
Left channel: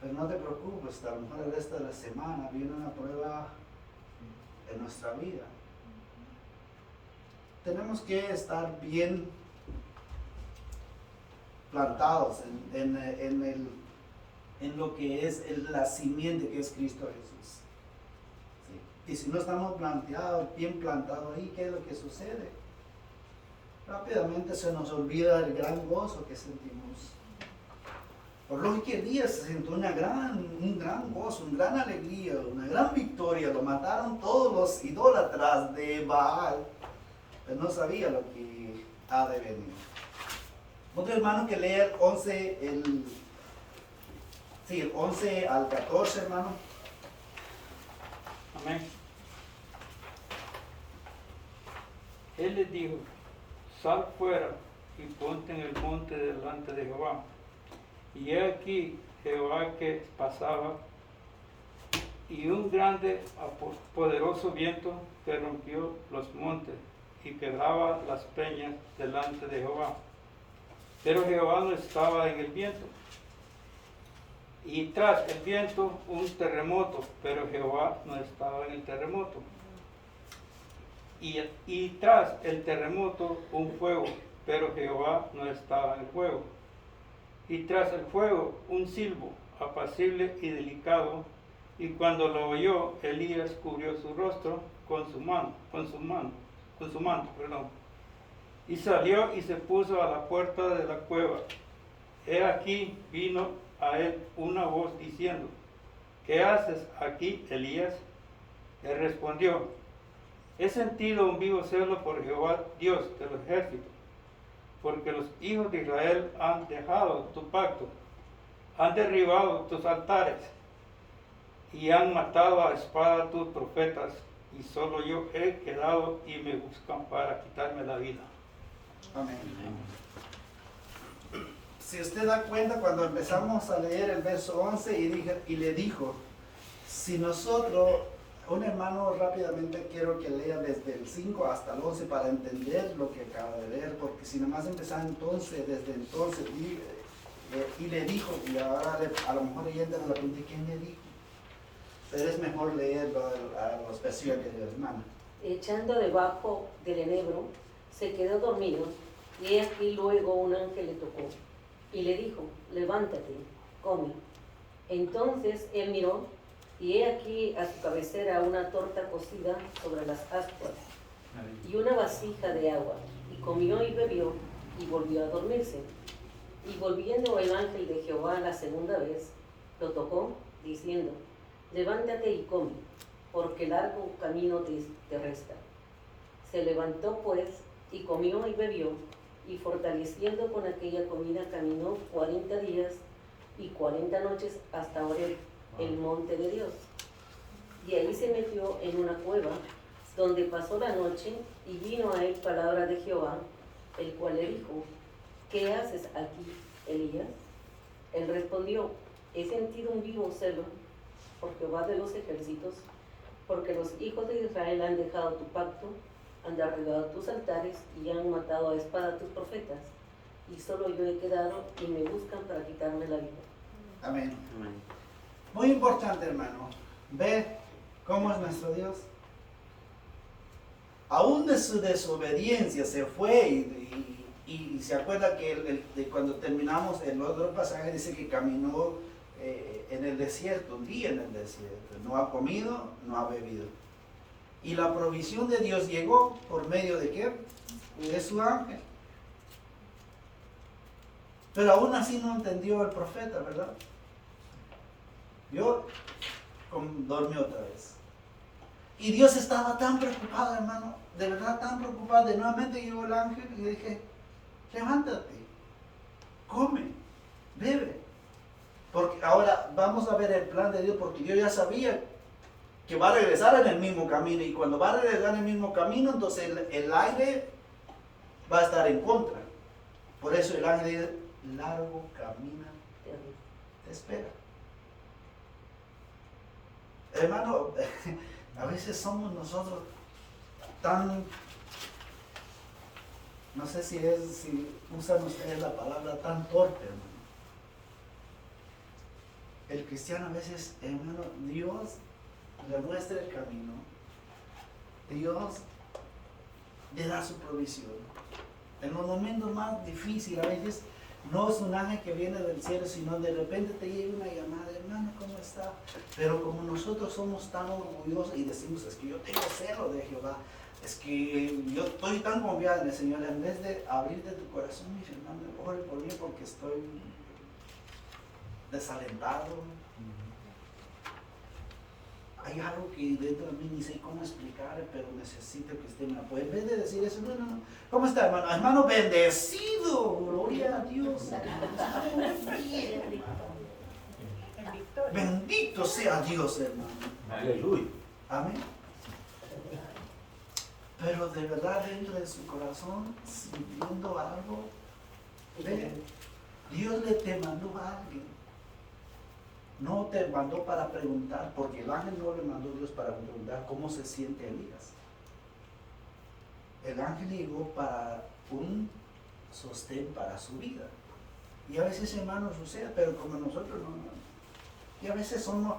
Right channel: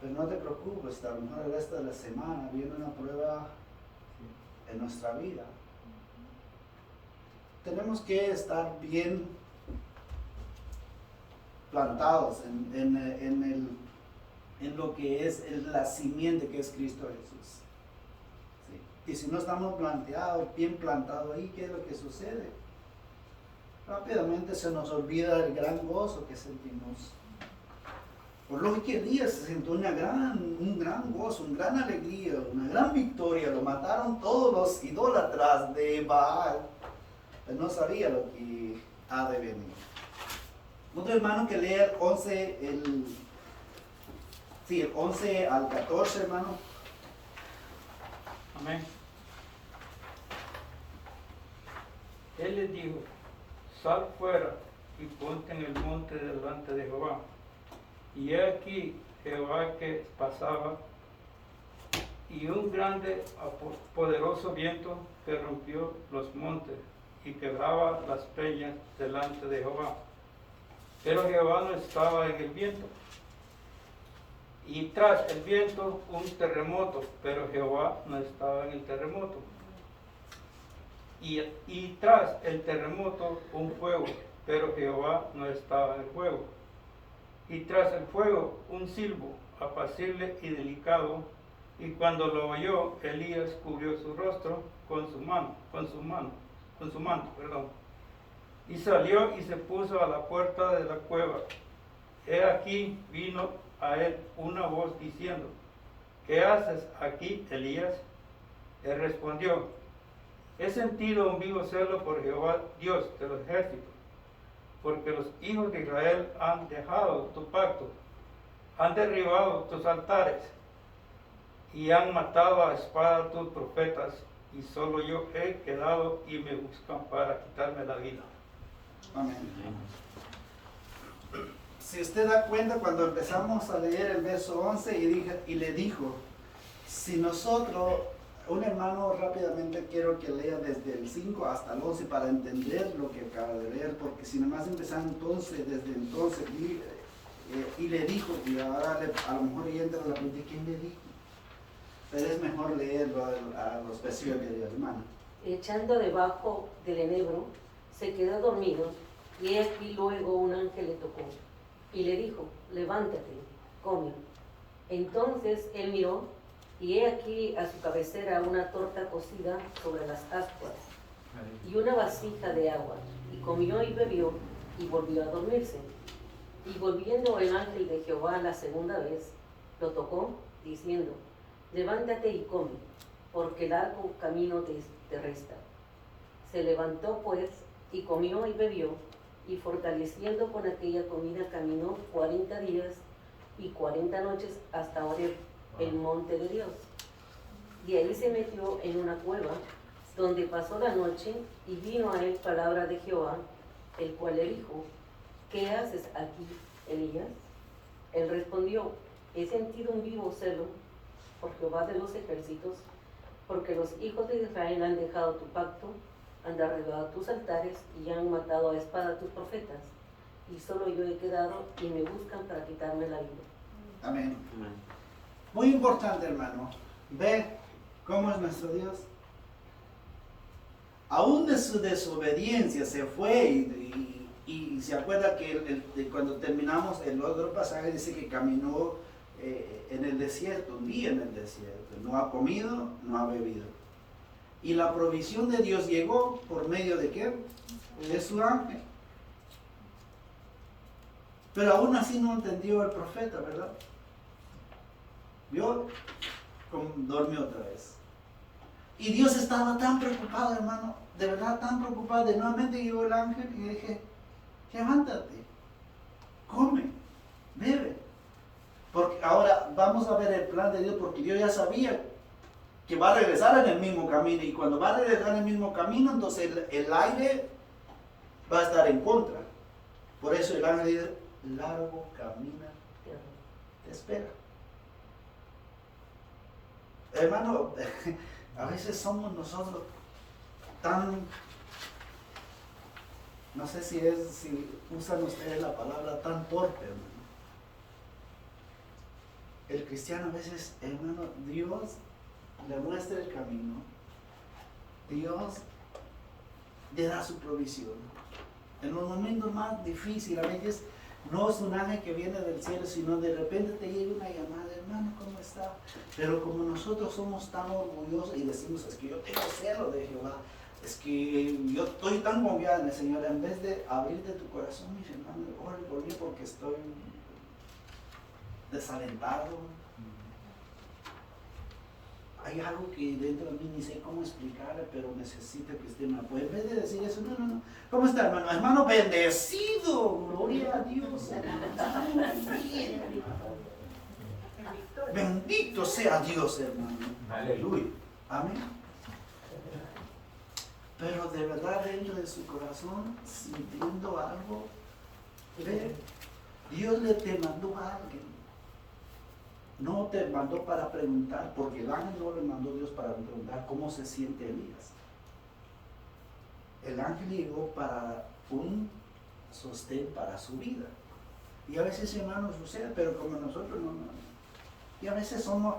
Pero no te preocupes, a lo mejor el resto de la semana viene una prueba en nuestra vida. Tenemos que estar bien plantados en lo que es la simiente que es Cristo Jesús. ¿Sí? Y si no estamos bien plantados ahí, ¿qué es lo que sucede? Rápidamente se nos olvida el gran gozo que sentimos. Por lo que Elías se sintió un gran gozo, una gran alegría, una gran victoria. Lo mataron todos los idólatras de Baal, pero no sabía lo que ha de venir. Otro hermano que lea el 11 al 14, hermano. Amén. Él les dijo, sal fuera y ponte en el monte delante de Jehová. Y he aquí Jehová que pasaba, y un grande, poderoso viento que rompió los montes y quebraba las peñas delante de Jehová. Pero Jehová no estaba en el viento. Y tras el viento un terremoto, pero Jehová no estaba en el terremoto. Y tras el terremoto un fuego, pero Jehová no estaba en el fuego. Y tras el fuego un silbo apacible y delicado, y cuando lo oyó, Elías cubrió su rostro con su manto, y salió y se puso a la puerta de la cueva. He aquí vino a él una voz diciendo, ¿qué haces aquí, Elías? Él respondió, he sentido un vivo celo por Jehová, Dios de los ejércitos, porque los hijos de Israel han dejado tu pacto, han derribado tus altares y han matado a espada a tus profetas, y solo yo he quedado y me buscan para quitarme la vida. Amén. si usted da cuenta, cuando empezamos a leer el verso 11 y le dijo, si nosotros, un hermano rápidamente quiero que lea desde el 5 hasta el 11 para entender lo que acaba de leer, porque si nomás empezar entonces, desde entonces, y le dijo, y ahora a lo mejor ya entra la pregunta, ¿quién le dijo? Pero es mejor leerlo a los versículos que dio, hermana. Echando debajo del enebro, se quedó dormido, y he aquí luego un ángel le tocó, y le dijo, levántate, come. Entonces él miró, y he aquí a su cabecera una torta cocida sobre las ascuas, y una vasija de agua, y comió y bebió, y volvió a dormirse. Y volviendo el ángel de Jehová la segunda vez, lo tocó, diciendo, levántate y come, porque largo camino te resta. Se levantó pues, y comió y bebió, y fortaleciendo con aquella comida caminó 40 días y 40 noches hasta Horeb, el monte de Dios. Y ahí se metió en una cueva, donde pasó la noche, y vino a él palabra de Jehová, el cual le dijo, ¿qué haces aquí, Elías? Él respondió, he sentido un vivo celo por Jehová de los ejércitos, porque los hijos de Israel han dejado tu pacto, han derribado tus altares y han matado a espada tus profetas, y solo yo he quedado y me buscan para quitarme la vida. Amén. Muy importante, hermano. Ve cómo es nuestro Dios. Aún de su desobediencia se fue y se acuerda que cuando terminamos el otro pasaje dice que caminó en el desierto, un día en el desierto. No ha comido, no ha bebido. Y la provisión de Dios llegó por medio de ¿qué? De su ángel. Pero aún así no entendió el profeta, ¿verdad? Yo dormí otra vez. Y Dios estaba tan preocupado, hermano, de verdad tan preocupado. De nuevamente llegó el ángel y le dije, levántate, come, bebe. Porque ahora vamos a ver el plan de Dios, porque Dios ya sabía que va a regresar en el mismo camino. Y cuando va a regresar en el mismo camino, entonces el aire va a estar en contra. Por eso el ángel dice, largo camina, te espera. Hermano, a veces somos nosotros tan, no sé si usan ustedes la palabra tan torpe, hermano. El cristiano a veces, hermano, Dios le muestra el camino, Dios le da su provisión. En los momentos más difíciles, a veces no es un ángel que viene del cielo, sino de repente te llega una llamada, hermano, ¿cómo está? Pero como nosotros somos tan orgullosos y decimos, es que yo tengo celo de Jehová, es que yo estoy tan confiado en el Señor, en vez de abrirte tu corazón, mis hermanos, ore por mí porque estoy desalentado. Hay algo que dentro de mí ni sé cómo explicar, pero necesito que usted me apoye. En vez de decir eso, no. ¿Cómo está, hermano? Hermano, bendecido. Gloria a Dios. Bendito sea Dios, hermano. Aleluya. Amén. Pero de verdad dentro de su corazón, sintiendo algo, ve, Dios te mandó a alguien. No te mandó para preguntar, porque el ángel no le mandó a Dios para preguntar cómo se siente Elías. El ángel llegó para un sostén para su vida. Y a veces, hermanos, sucede, pero como nosotros no. Y a veces somos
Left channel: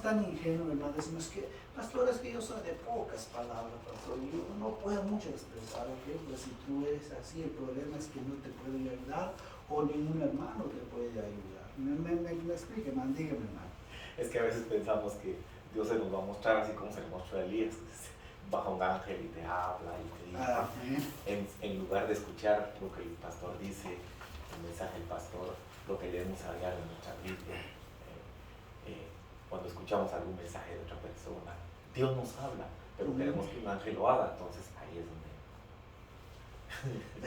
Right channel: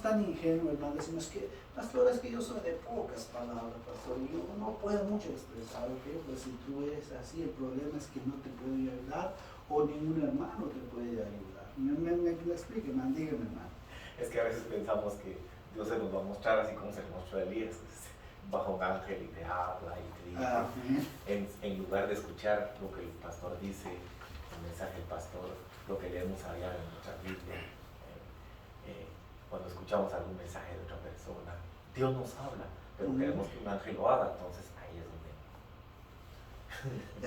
tan ingenuos, hermanos, decimos que, pastor, es que yo soy de pocas palabras, pastor, y yo no puedo mucho expresar, ¿ok? Pues si tú eres así, el problema es que no te puede ayudar, o ningún hermano te puede ayudar. Me explique, man, dígame, hermano. Es que a veces pensamos que Dios se nos va a mostrar así como se le mostró a Elías. Baja un ángel y te habla y te dice. En lugar de escuchar lo que el pastor dice, el mensaje del pastor, lo que debemos hablar en nuestra Biblia, cuando escuchamos algún mensaje de otra persona, Dios nos habla, pero queremos que un ángel lo haga, entonces ahí es donde.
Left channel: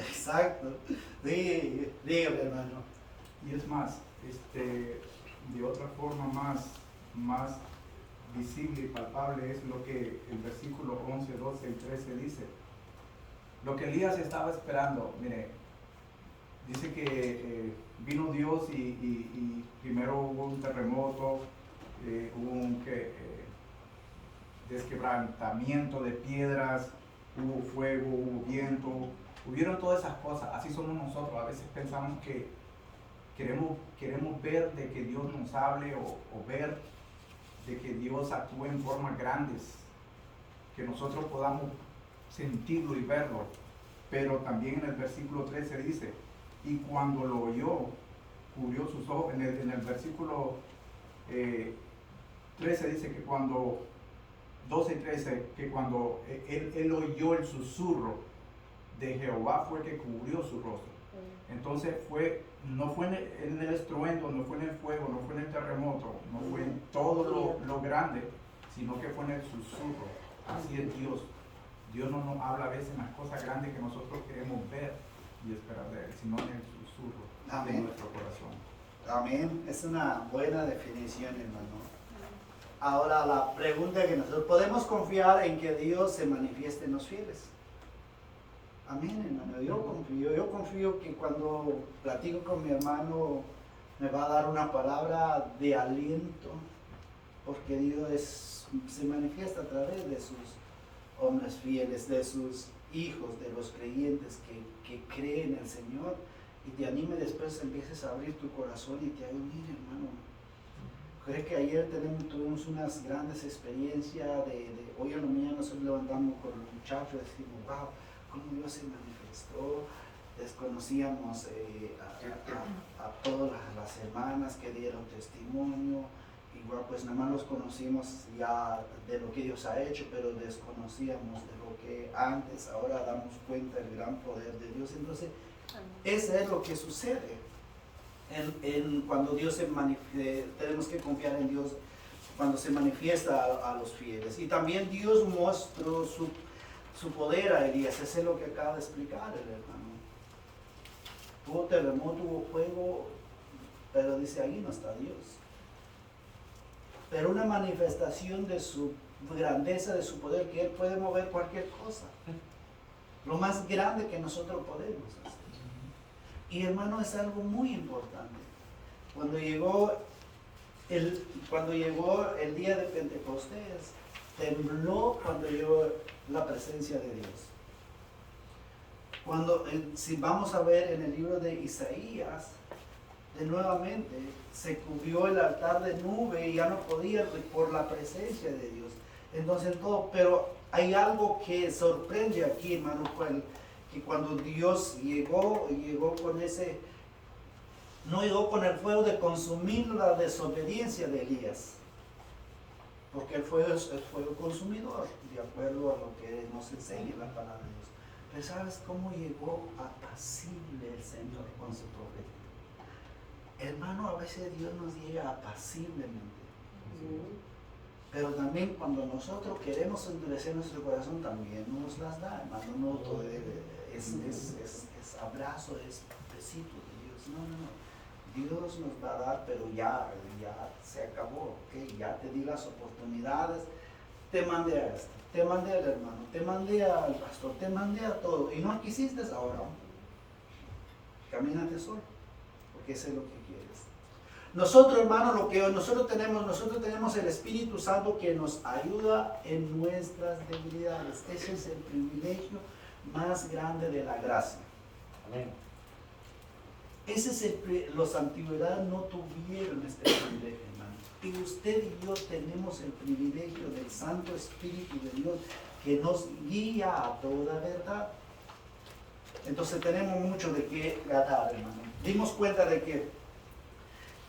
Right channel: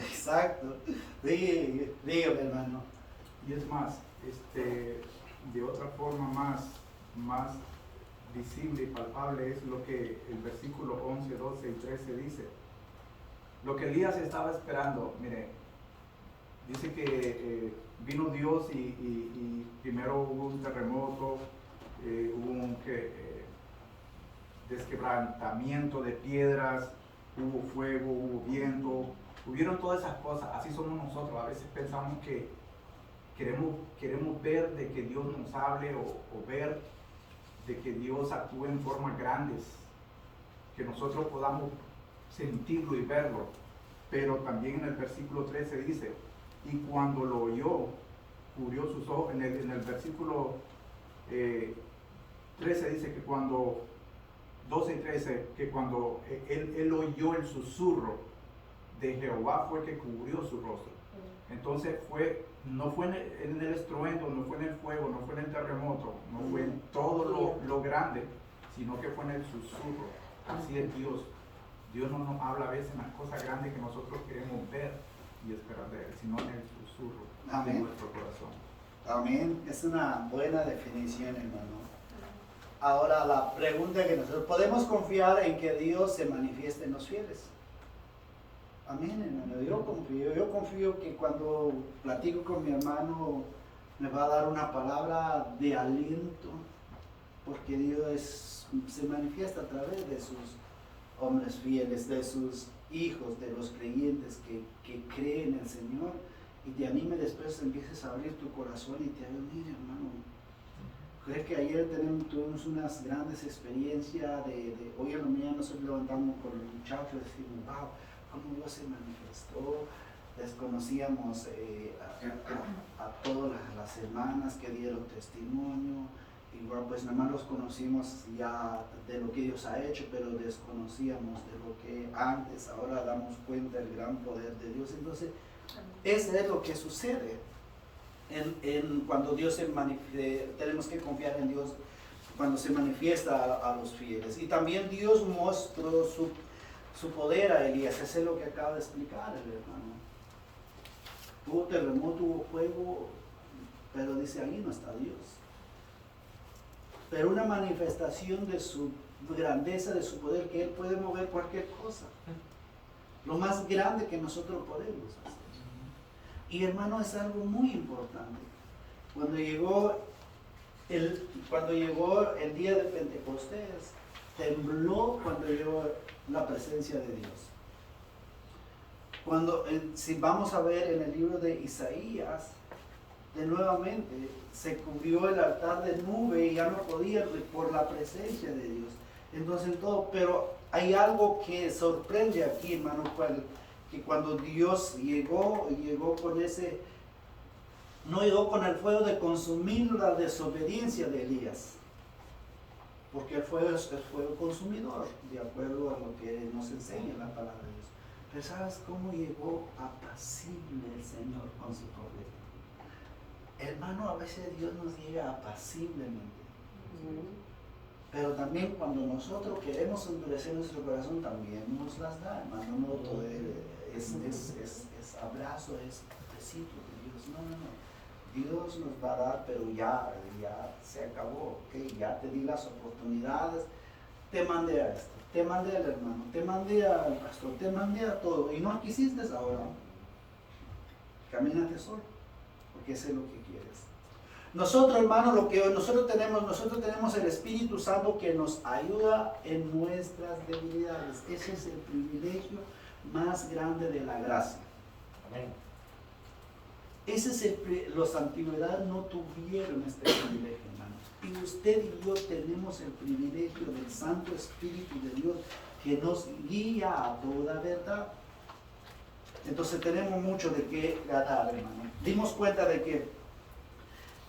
Exacto. Dígame, hermano. Y es más, de otra forma más visible y palpable es lo que el versículo 11, 12 y 13 dice. Lo que Elías estaba esperando, mire, dice que vino Dios y primero hubo un terremoto, hubo un desquebrantamiento de piedras, hubo fuego, hubo viento, hubieron todas esas cosas. Así somos nosotros. A veces pensamos que queremos ver de que Dios nos hable o ver de que Dios actúe en formas grandes, que nosotros podamos sentirlo y verlo. Pero también en el versículo 13 dice, y cuando lo oyó, cubrió sus ojos. En el versículo 13 dice que cuando, 12 y 13, que cuando él oyó el susurro de Jehová fue que cubrió su rostro. Entonces no fue en el estruendo, no fue en el fuego, no fue en el terremoto, no fue en todo lo grande, sino que fue en el susurro. Así es Dios. Dios no nos habla a veces en las cosas grandes que nosotros queremos ver y esperar de Él, sino en el susurro de nuestro corazón. Amén. Es una buena definición, hermano. Ahora la pregunta que nosotros podemos confiar en que Dios se manifieste en los fieles. Amén, hermano. Yo confío que cuando platico con mi hermano me va a dar una palabra de aliento, porque Dios se manifiesta a través de sus hombres fieles, de sus hijos, de los creyentes que creen en el Señor, y te anime después, empieces a abrir tu corazón y te haga, mire, hermano, creo que ayer tuvimos unas grandes experiencias hoy en la mañana nos levantamos con los muchachos y decimos, wow, cómo Dios se manifestó. Desconocíamos a todas las hermanas que dieron testimonio. Igual pues nada más los conocimos ya de lo que Dios ha hecho, pero desconocíamos de lo que antes. Ahora damos cuenta del gran poder de Dios. Entonces, eso es lo que sucede cuando Dios se manifiesta. Tenemos que confiar en Dios cuando se manifiesta a los fieles. Y también Dios mostró su poder a Elías. Eso es lo que acaba de explicar el hermano. Hubo terremoto, hubo fuego, pero dice ahí no está Dios. Pero una manifestación de su grandeza, de su poder, que Él puede mover cualquier cosa. Lo más grande que nosotros podemos hacer. Y hermano, es algo muy importante. Cuando llegó el día de Pentecostés, tembló cuando llegó la presencia de Dios. Si vamos a ver en el libro de Isaías, de nuevamente se cubrió el altar de nube y ya no podía por la presencia de Dios. Entonces todo, pero hay algo que sorprende aquí, hermano, que cuando Dios llegó con no llegó con el fuego de consumir la desobediencia de Elías, porque el fuego es el fuego consumidor, de acuerdo a lo que nos enseña la palabra de Dios. Pero ¿sabes cómo llegó apacible el Señor con su profeta? Hermano, a veces Dios nos llega apaciblemente. Pero también cuando nosotros queremos endurecer nuestro corazón, también nos las da, hermano. No todo es abrazo, es besito de Dios. No. Dios nos va a dar, pero ya se acabó, ¿okay? Ya te di las oportunidades, te mandé a esto, te mandé al hermano, te mandé al pastor, te mandé a todo, y no quisiste ahora. Camínate solo, porque eso es lo que quieres. Nosotros, hermano, nosotros tenemos el Espíritu Santo que nos ayuda en nuestras debilidades. Ese es el privilegio más grande de la gracia. Amén. Ese es los antigüedades no tuvieron este privilegio, hermano. Y usted y yo tenemos el privilegio del Santo Espíritu de Dios que nos guía a toda verdad. Entonces tenemos mucho de qué ganar, hermano. Dimos cuenta de que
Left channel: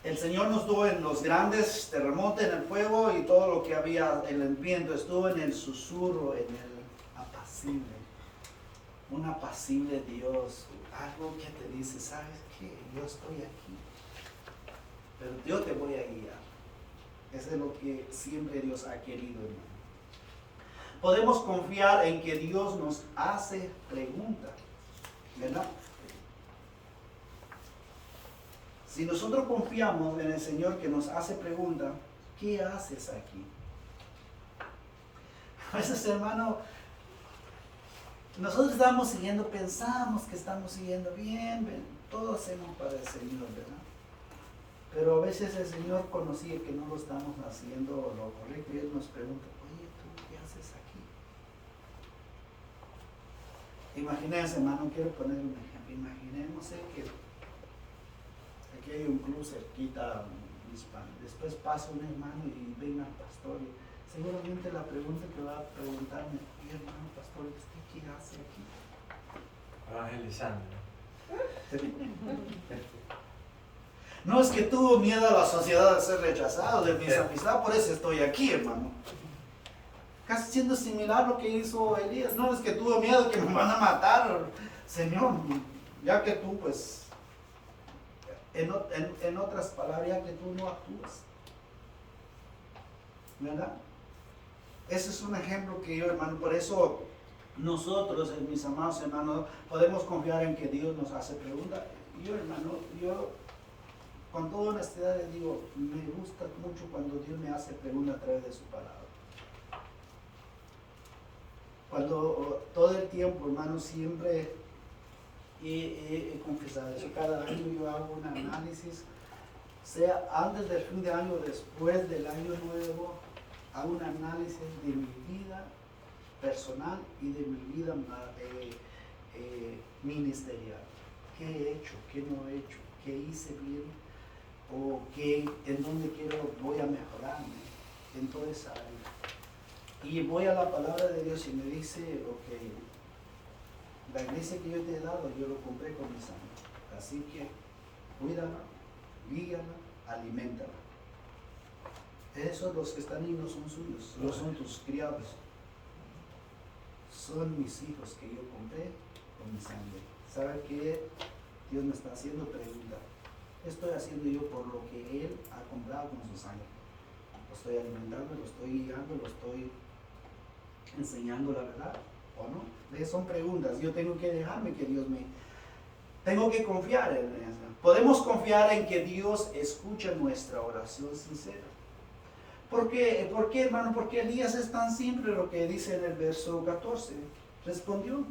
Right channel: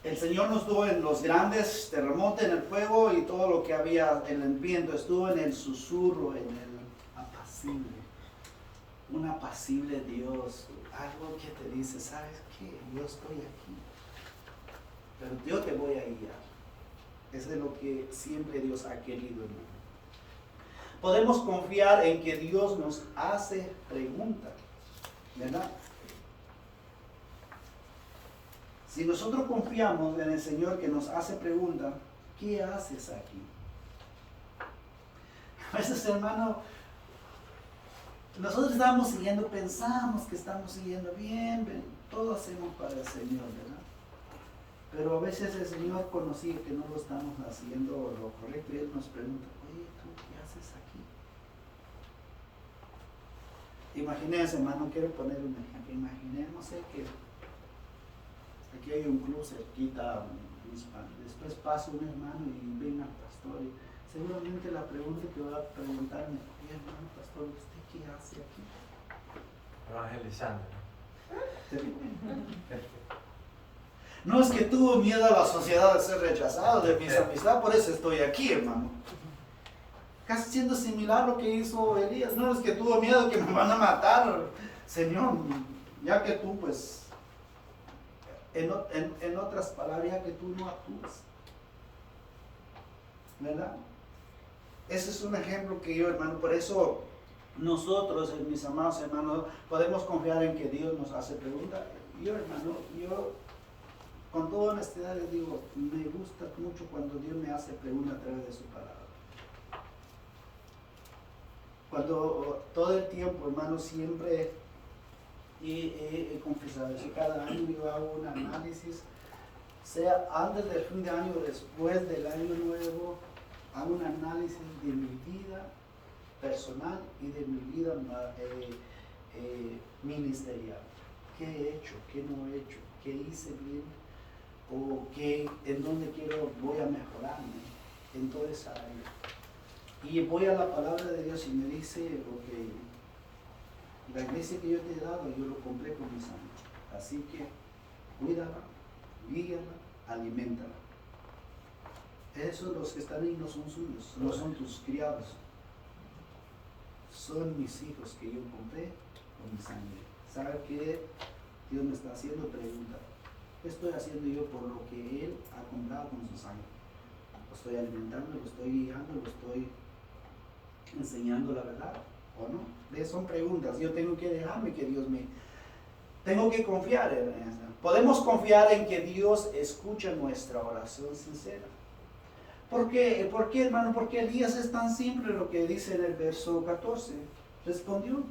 el Señor nos dio en los grandes terremotos, en el fuego y todo lo que había en el viento. Estuvo en el susurro, en el apacible. Un apacible Dios. Algo que te dice, ¿sabes qué? Yo estoy aquí. Pero yo te voy a guiar. Es de lo que siempre Dios ha querido, hermano. Podemos confiar en que Dios nos hace preguntas, ¿verdad? Si nosotros confiamos en el Señor que nos hace preguntas, ¿qué haces aquí? A veces, hermano, nosotros estamos siguiendo, pensamos que estamos siguiendo bien, todo hacemos para el Señor, ¿verdad? Pero a veces el Señor conocía que no lo estamos haciendo lo correcto y Él nos pregunta, oye, ¿tú qué haces aquí? Imagínense, hermano, quiero poner un ejemplo. Imaginemos que aquí hay un club cerquita, después pasa un hermano y venga al pastor y seguramente la pregunta que va a preguntarme, hermano pastor, ¿usted qué hace aquí? Evangelizando. No es que tuvo miedo a la sociedad de ser rechazado, de mis amistades, por eso estoy aquí, hermano. Casi siendo similar a lo que hizo Elías. No es que tuvo miedo que me van a matar, Señor, ya que tú, pues, en otras palabras, ya que tú no actúas. ¿Verdad? Ese es un ejemplo que yo, hermano, por eso nosotros, mis amados hermanos, podemos confiar en que Dios nos hace preguntas. Yo, hermano, con toda honestidad les digo, me gusta mucho cuando Dios me hace preguntas a través de su palabra. Cuando todo el tiempo, hermano, siempre he confesado eso. Cada año yo hago un análisis, sea antes del fin de año o después del año nuevo, hago un análisis de mi vida personal y de mi vida ministerial. ¿Qué he hecho? ¿Qué no he hecho? ¿Qué hice bien? ¿O en dónde voy a mejorarme? En toda esa área. Y voy a la palabra de Dios y me dice, ok, la iglesia que yo te he dado, yo lo compré con mi sangre. Así que cuídala, guíala, aliméntala. Esos los que están ahí no son suyos, no son tus criados. Son mis hijos que yo compré con mi sangre. ¿Sabe qué? Dios me está haciendo preguntas. ¿Qué estoy haciendo yo por lo que Él ha comprado con su sangre? Lo estoy alimentando, lo estoy guiando, lo estoy enseñando la verdad, ¿o no? Son preguntas. Yo tengo que dejarme que Dios tengo que confiar en eso. Podemos confiar en que Dios escucha nuestra oración sincera. ¿Por qué, hermano? Porque Elías es tan simple lo que dice en el verso 14. Respondió.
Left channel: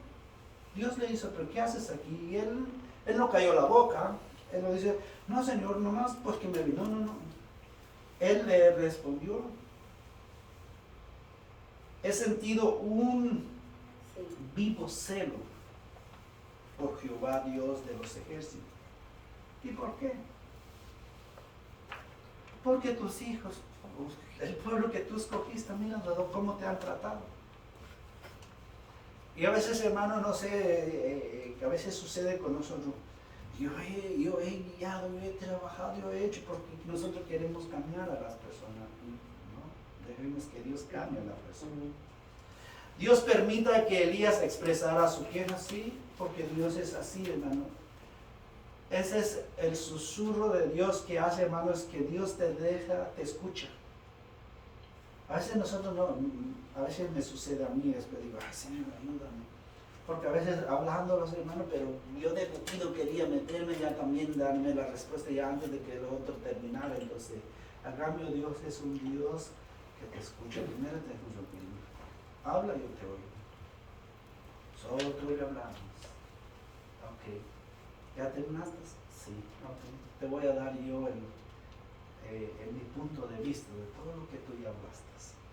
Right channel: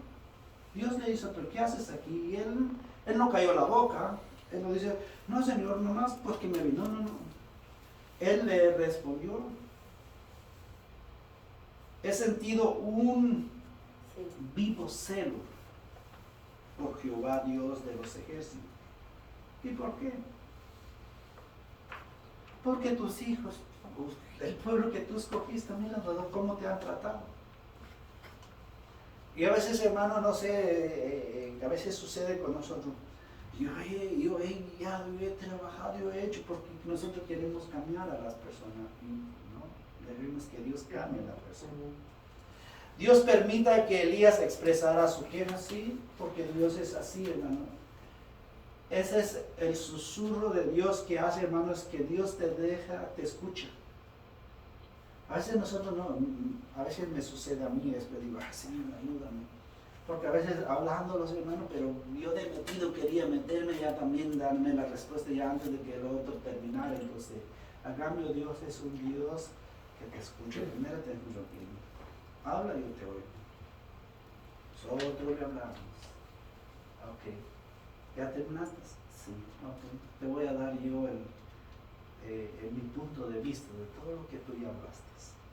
Dios le dice, ¿pero qué haces aquí? Y él no cayó la boca. Él no dice, no, Señor, nomás porque me vi. No. Él le respondió. He sentido un vivo celo por Jehová, Dios de los ejércitos. ¿Y por qué? Porque tus hijos, el pueblo que tú escogiste, mira cómo te han tratado. Y a veces, hermano, no sé, a veces sucede con nosotros. Yo he guiado, yo he trabajado, yo he hecho, porque nosotros queremos cambiar a las personas. ¿No? Debemos que Dios cambie a la persona. Dios permita que Elías expresara su queja, sí, porque Dios es así, hermano. Ese es el susurro de Dios que hace, hermano, es que Dios te escucha. A veces nosotros no, a veces me sucede a mí, después digo, Señor, ayúdame. Porque a veces hablando los hermanos, pero yo de metido quería meterme ya también, darme la respuesta ya antes de que el otro terminara. Entonces, al cambio Dios es un Dios que te escucha. Primero te escucho primero. Habla y yo te oigo. Nosotros le hablamos. Ok. ¿Ya terminaste? Sí. Ok. Te voy a dar yo mi punto de vista de todo lo que tú ya hablaste.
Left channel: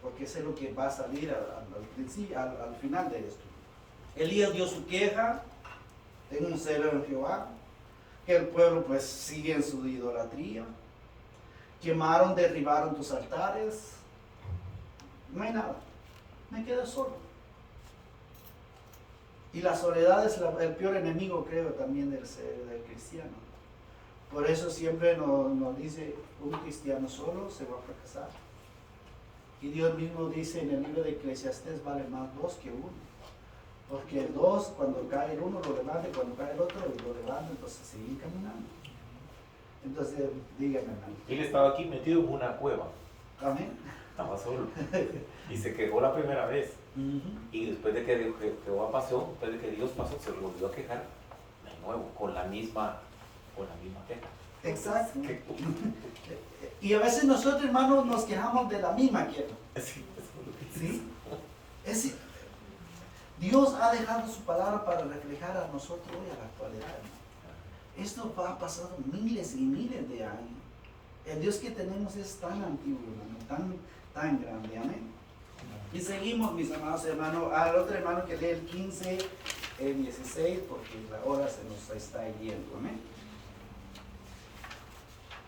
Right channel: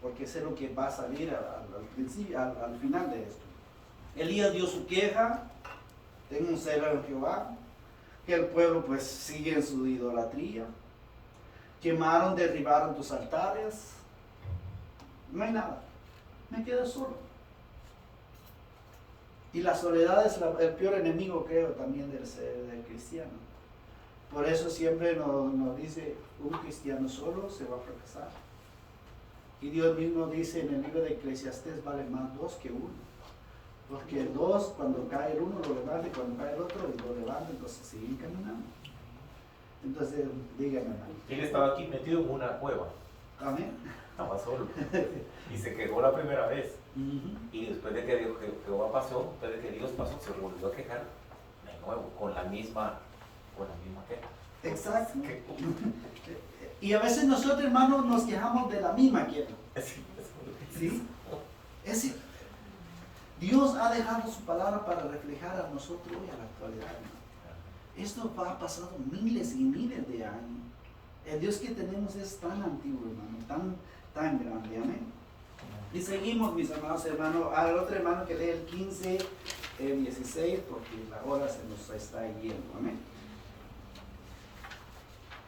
Porque sé lo que va a salir al final de esto. Elías dio su queja, tengo un celo en Jehová, que el pueblo pues sigue en su idolatría, quemaron, derribaron tus altares, no hay nada, me quedé solo. Y la soledad es el peor enemigo, creo, también del cristiano. Por eso siempre nos dice, un cristiano solo se va a fracasar. Y Dios mismo dice en el libro de Eclesiastés, vale más dos que uno. Porque el dos, cuando cae el uno, lo levanta, y cuando cae el otro, lo levanta, entonces siguen caminando. Entonces, díganme, hermano. Él estaba aquí metido en una cueva. Amén. Estaba solo. Y se quejó la primera vez. Y después de que Jehová pasó, después de que Dios pasó, se volvió a quejar de nuevo, con la misma queja. Exacto. Y a veces nosotros, hermanos, nos quejamos de la misma queja. Sí, eso es lo que ¿Sí? Dios ha dejado su palabra para reflejar a nosotros hoy, a la actualidad, hermano. Esto ha pasado miles y miles de años. El Dios que tenemos es tan antiguo, hermano, tan grande, amén. Y seguimos, mis amados hermanos, al otro hermano que lee el 15, el 16, porque la hora se nos está yendo, amén.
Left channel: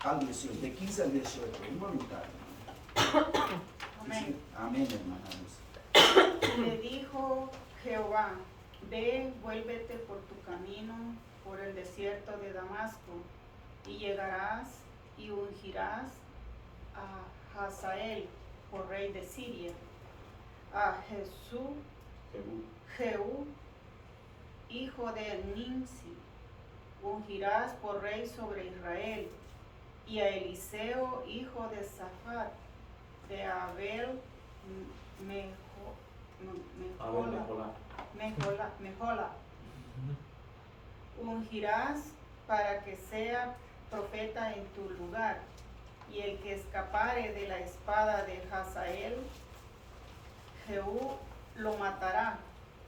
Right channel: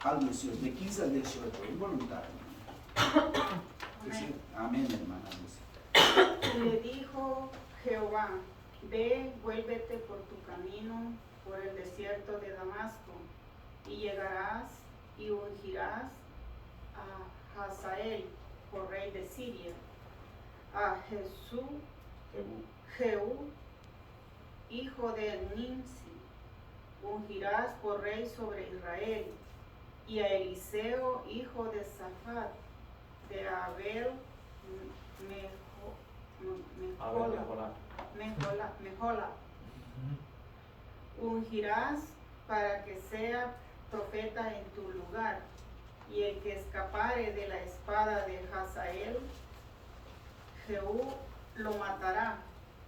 Al 18, de 15 al 18, involuntario. Amén. Amén, hermana. Le dijo Jehová, ve, vuélvete por tu camino, por el desierto de Damasco, y llegarás y ungirás a Hazael por rey de Siria, a Jehú, hijo de Nimsi, ungirás por rey sobre Israel, y a Eliseo, hijo de Safat, de Abel Mejola, ungirás para que sea profeta en tu lugar, y el que escapare de la espada de Hazael, Jehú lo matará,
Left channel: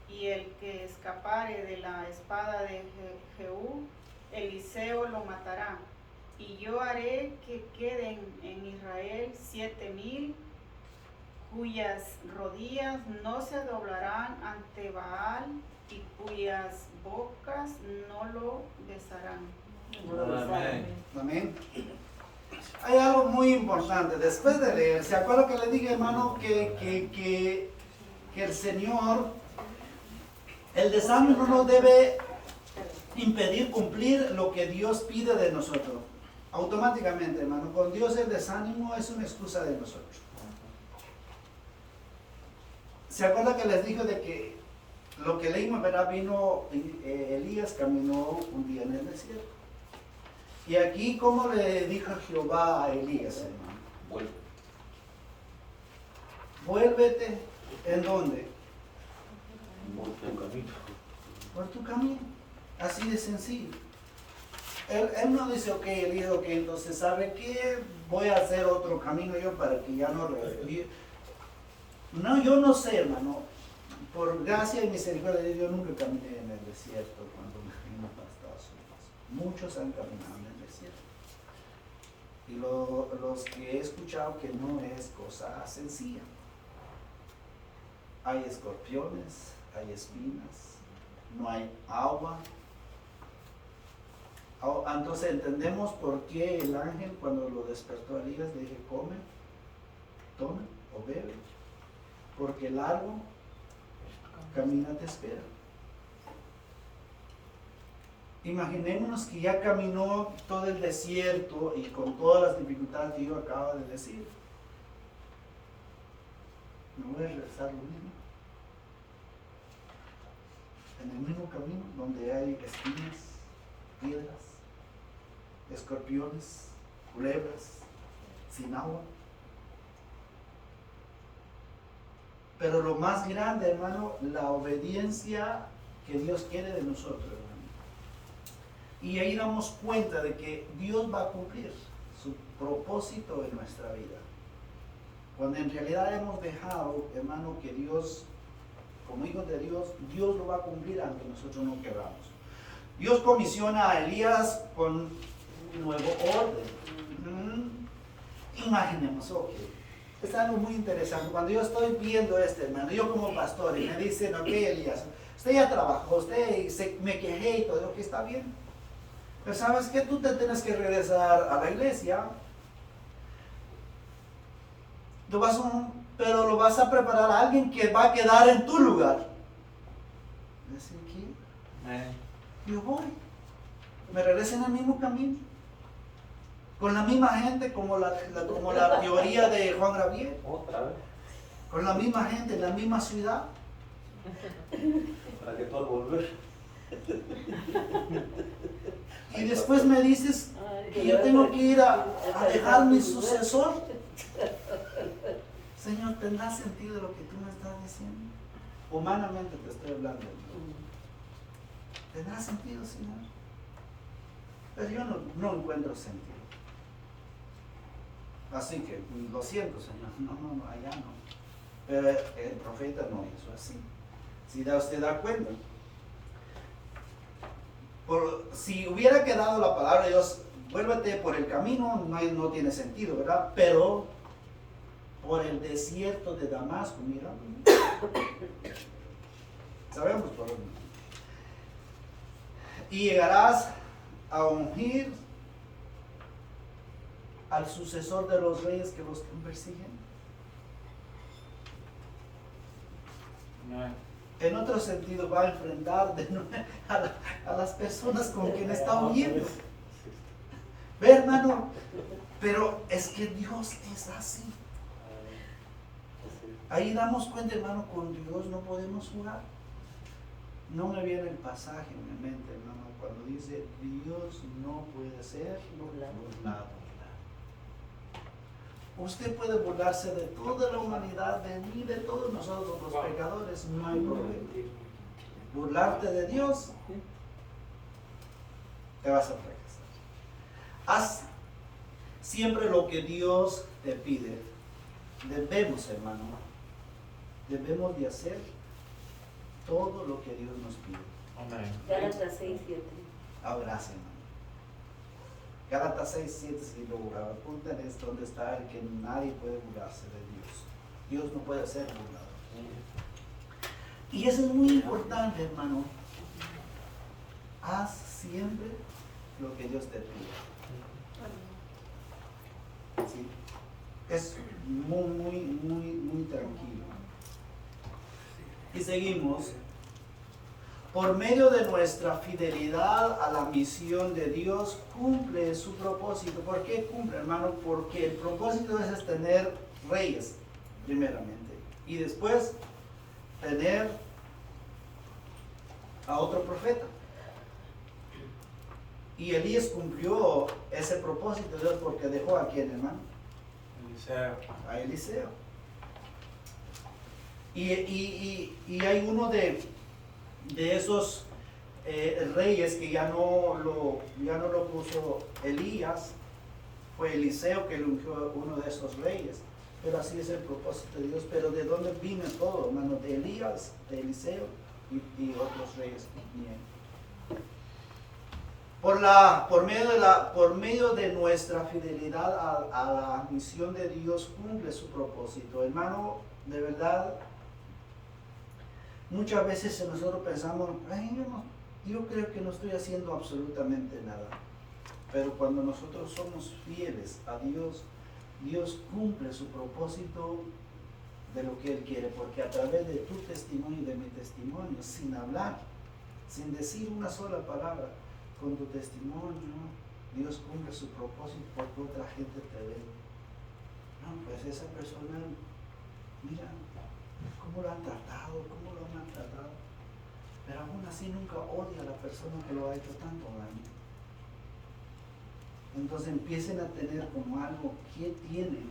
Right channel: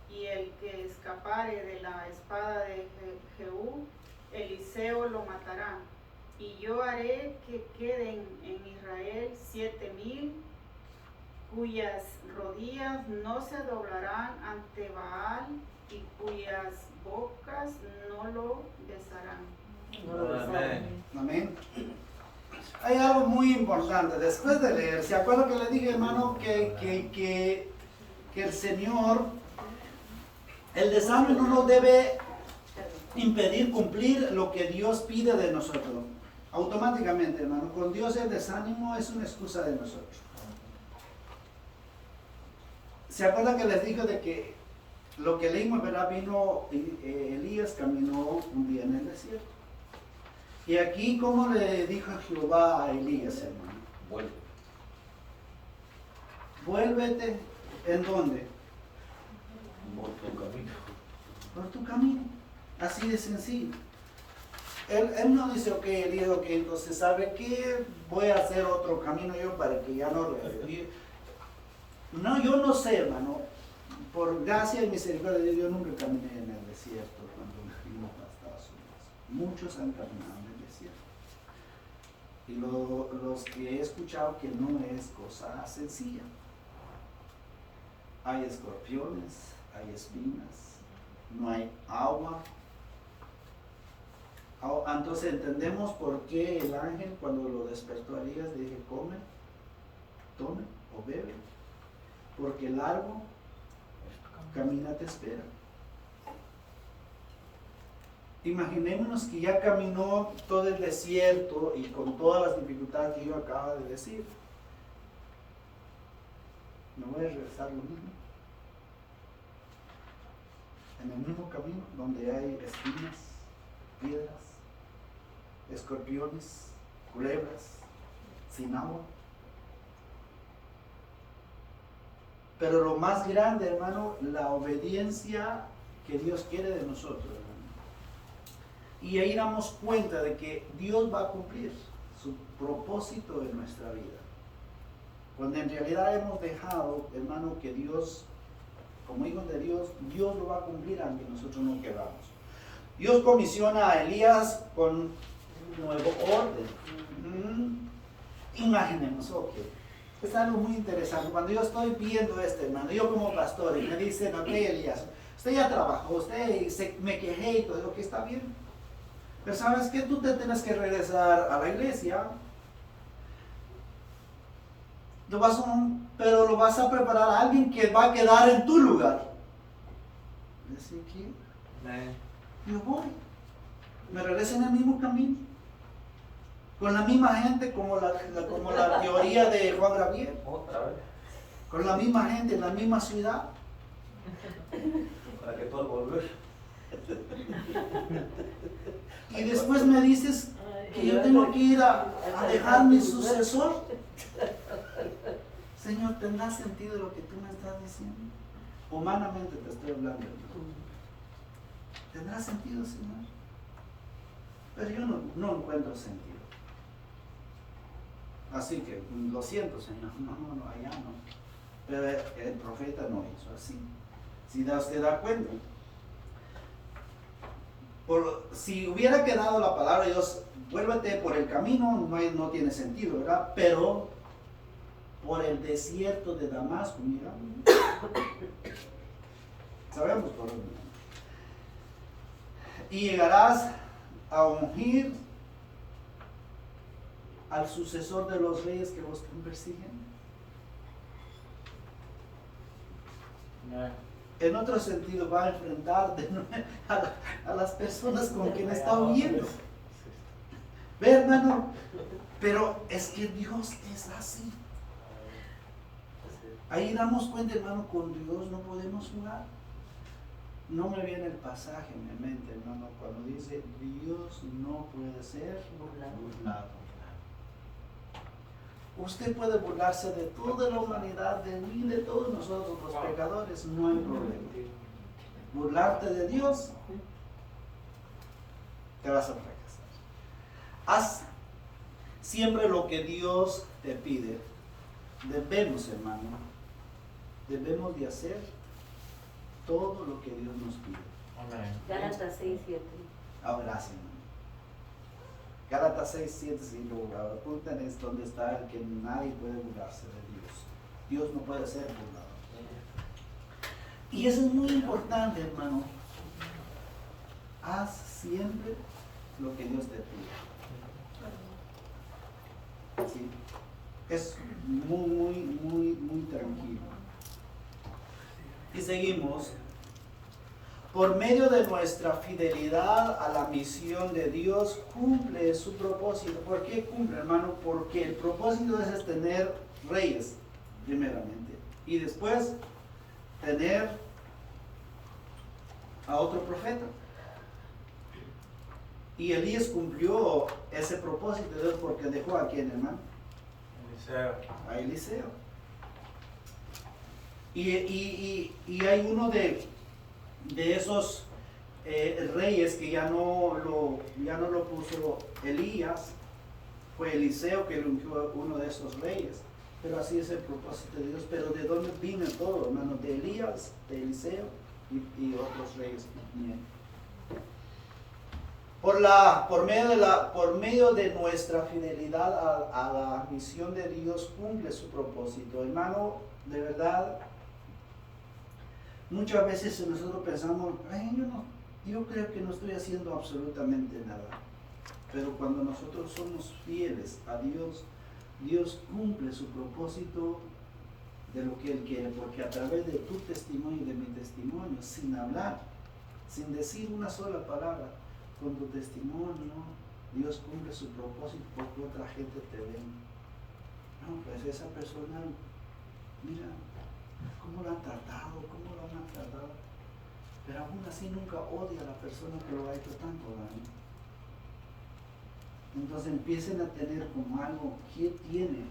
y el que escapare de la espada de Jehú, Eliseo lo matará. Y yo haré que queden en Israel 7,000 cuyas rodillas no se doblarán ante Baal y cuyas bocas no lo besarán. Amén. Amén. Hay algo muy importante. Después de leer, ¿se acuerdan que le dije, hermano, que el Señor, el desánimo no nos debe impedir cumplir lo que Dios pide de nosotros? Automáticamente, hermano, con Dios el desánimo es una excusa de nosotros. ¿Se acuerdan que les dije de que lo que leímos, verdad, vino, Elías caminó un día en el desierto? Y aquí, ¿cómo le dijo Jehová a Elías, hermano? Vuélvete, ¿en dónde? Por tu camino. Así de sencillo. Él no dice, ok, Elías, ok, entonces, ¿sabe qué? Voy a hacer otro camino yo para que ya no... No, yo no sé, hermano. Por gracia y misericordia de Dios, yo nunca caminé en el desierto cuando me vine para Estados Unidos. Muchos han caminado en el desierto. Y los que he escuchado que no es cosa sencilla. Hay escorpiones, hay espinas, no hay agua. Entonces entendemos por qué el ángel, cuando lo despertó a Elías, le dije, come, tome o bebe, porque el largo camina te espera. Imaginémonos que ya caminó todo el desierto y con todas las dificultades que yo acabo de decir. ¿Me voy a regresar lo mismo? En el mismo camino donde hay espinas, piedras, escorpiones, culebras, sin agua. Pero lo más grande, hermano, la obediencia que Dios quiere de nosotros, hermano. Y ahí damos cuenta de que Dios va a cumplir su propósito en nuestra vida. Cuando en realidad hemos dejado, hermano, que Dios, como hijos de Dios, Dios lo va a cumplir aunque nosotros no queramos. Dios comisiona a Elías con nuevo orden. Imaginemos, ok. Es algo muy interesante. Cuando yo estoy viendo esto, hermano, yo como pastor, y me dicen, ok, Elías, usted ya trabajó, me quejé y todo, lo que está bien. Pero sabes que tú te tienes que regresar a la iglesia. Pero lo vas a preparar a alguien que va a quedar en tu lugar. ¿Decir quién? Yo voy. Me regreso en el mismo camino. Con la misma gente como la teoría de Juan Gabriel. Otra vez. Con la misma gente en la misma ciudad. Para que pueda volver. Y después me dices que yo tengo que ir a dejar mi sucesor. Señor, ¿tendrá sentido lo que tú me estás diciendo? Humanamente te estoy hablando. ¿Tendrá sentido, Señor? Pero yo no encuentro sentido. Así que, lo siento, Señor, no, allá no. Pero el profeta no hizo así. Si usted da cuenta. Si hubiera quedado la palabra de Dios, vuélvete por el camino, no tiene sentido, ¿verdad? Pero por el desierto de Damasco, mira. Sabemos por dónde. Y llegarás a ungir al sucesor de los reyes que los persiguen. En otro sentido, va a enfrentar a las personas con quien está huyendo. Ve, hermano, pero es que Dios es así. Ahí damos cuenta, hermano, con Dios no podemos jugar. No me viene el pasaje en mi mente, hermano, cuando dice Dios no puede ser burlado. Usted puede burlarse de toda la humanidad, de mí, de todos nosotros los pecadores, no hay problema. Burlarte de Dios, te vas a fracasar. Haz siempre lo que Dios te pide. Debemos, hermano, debemos de hacer todo lo que Dios nos pide. Gálatas 6:7. Ah, gracias, hermano. Gálatas 6:7, si lo apuntan, es donde está el que nadie puede burlarse de Dios. Dios no puede ser burlado. Y eso es muy importante, hermano. Haz siempre lo que Dios te pide. ¿Sí? Es muy tranquilo. Y seguimos. Por medio de nuestra fidelidad a la misión de Dios, cumple su propósito. ¿Por qué cumple, hermano? Porque el propósito es tener reyes, primeramente. Y después, tener a otro profeta. Y Elías cumplió ese propósito de Dios porque dejó a quién, hermano? A Eliseo. Y hay uno de esos reyes que ya no lo puso Elías, fue Eliseo que lo ungió uno de esos reyes. Pero así es el propósito de Dios. Pero ¿de dónde vino todo, hermano? De Elías, de Eliseo y otros reyes. Bien. Por medio de nuestra fidelidad a la misión de Dios, cumple su propósito. Hermano, de verdad, muchas veces nosotros pensamos, yo creo que no estoy haciendo absolutamente nada. Pero cuando nosotros somos fieles a Dios, Dios cumple su propósito de lo que Él quiere, porque a través de tu testimonio y de mi testimonio, sin hablar, sin decir una sola palabra, con tu testimonio, Dios cumple su propósito porque otra gente te ve. No, pues esa persona, mira, cómo lo han tratado, cómo lo han maltratado, pero aún así nunca odia a la persona que lo ha hecho tanto daño. Entonces empiecen a tener como algo, ¿qué tienen?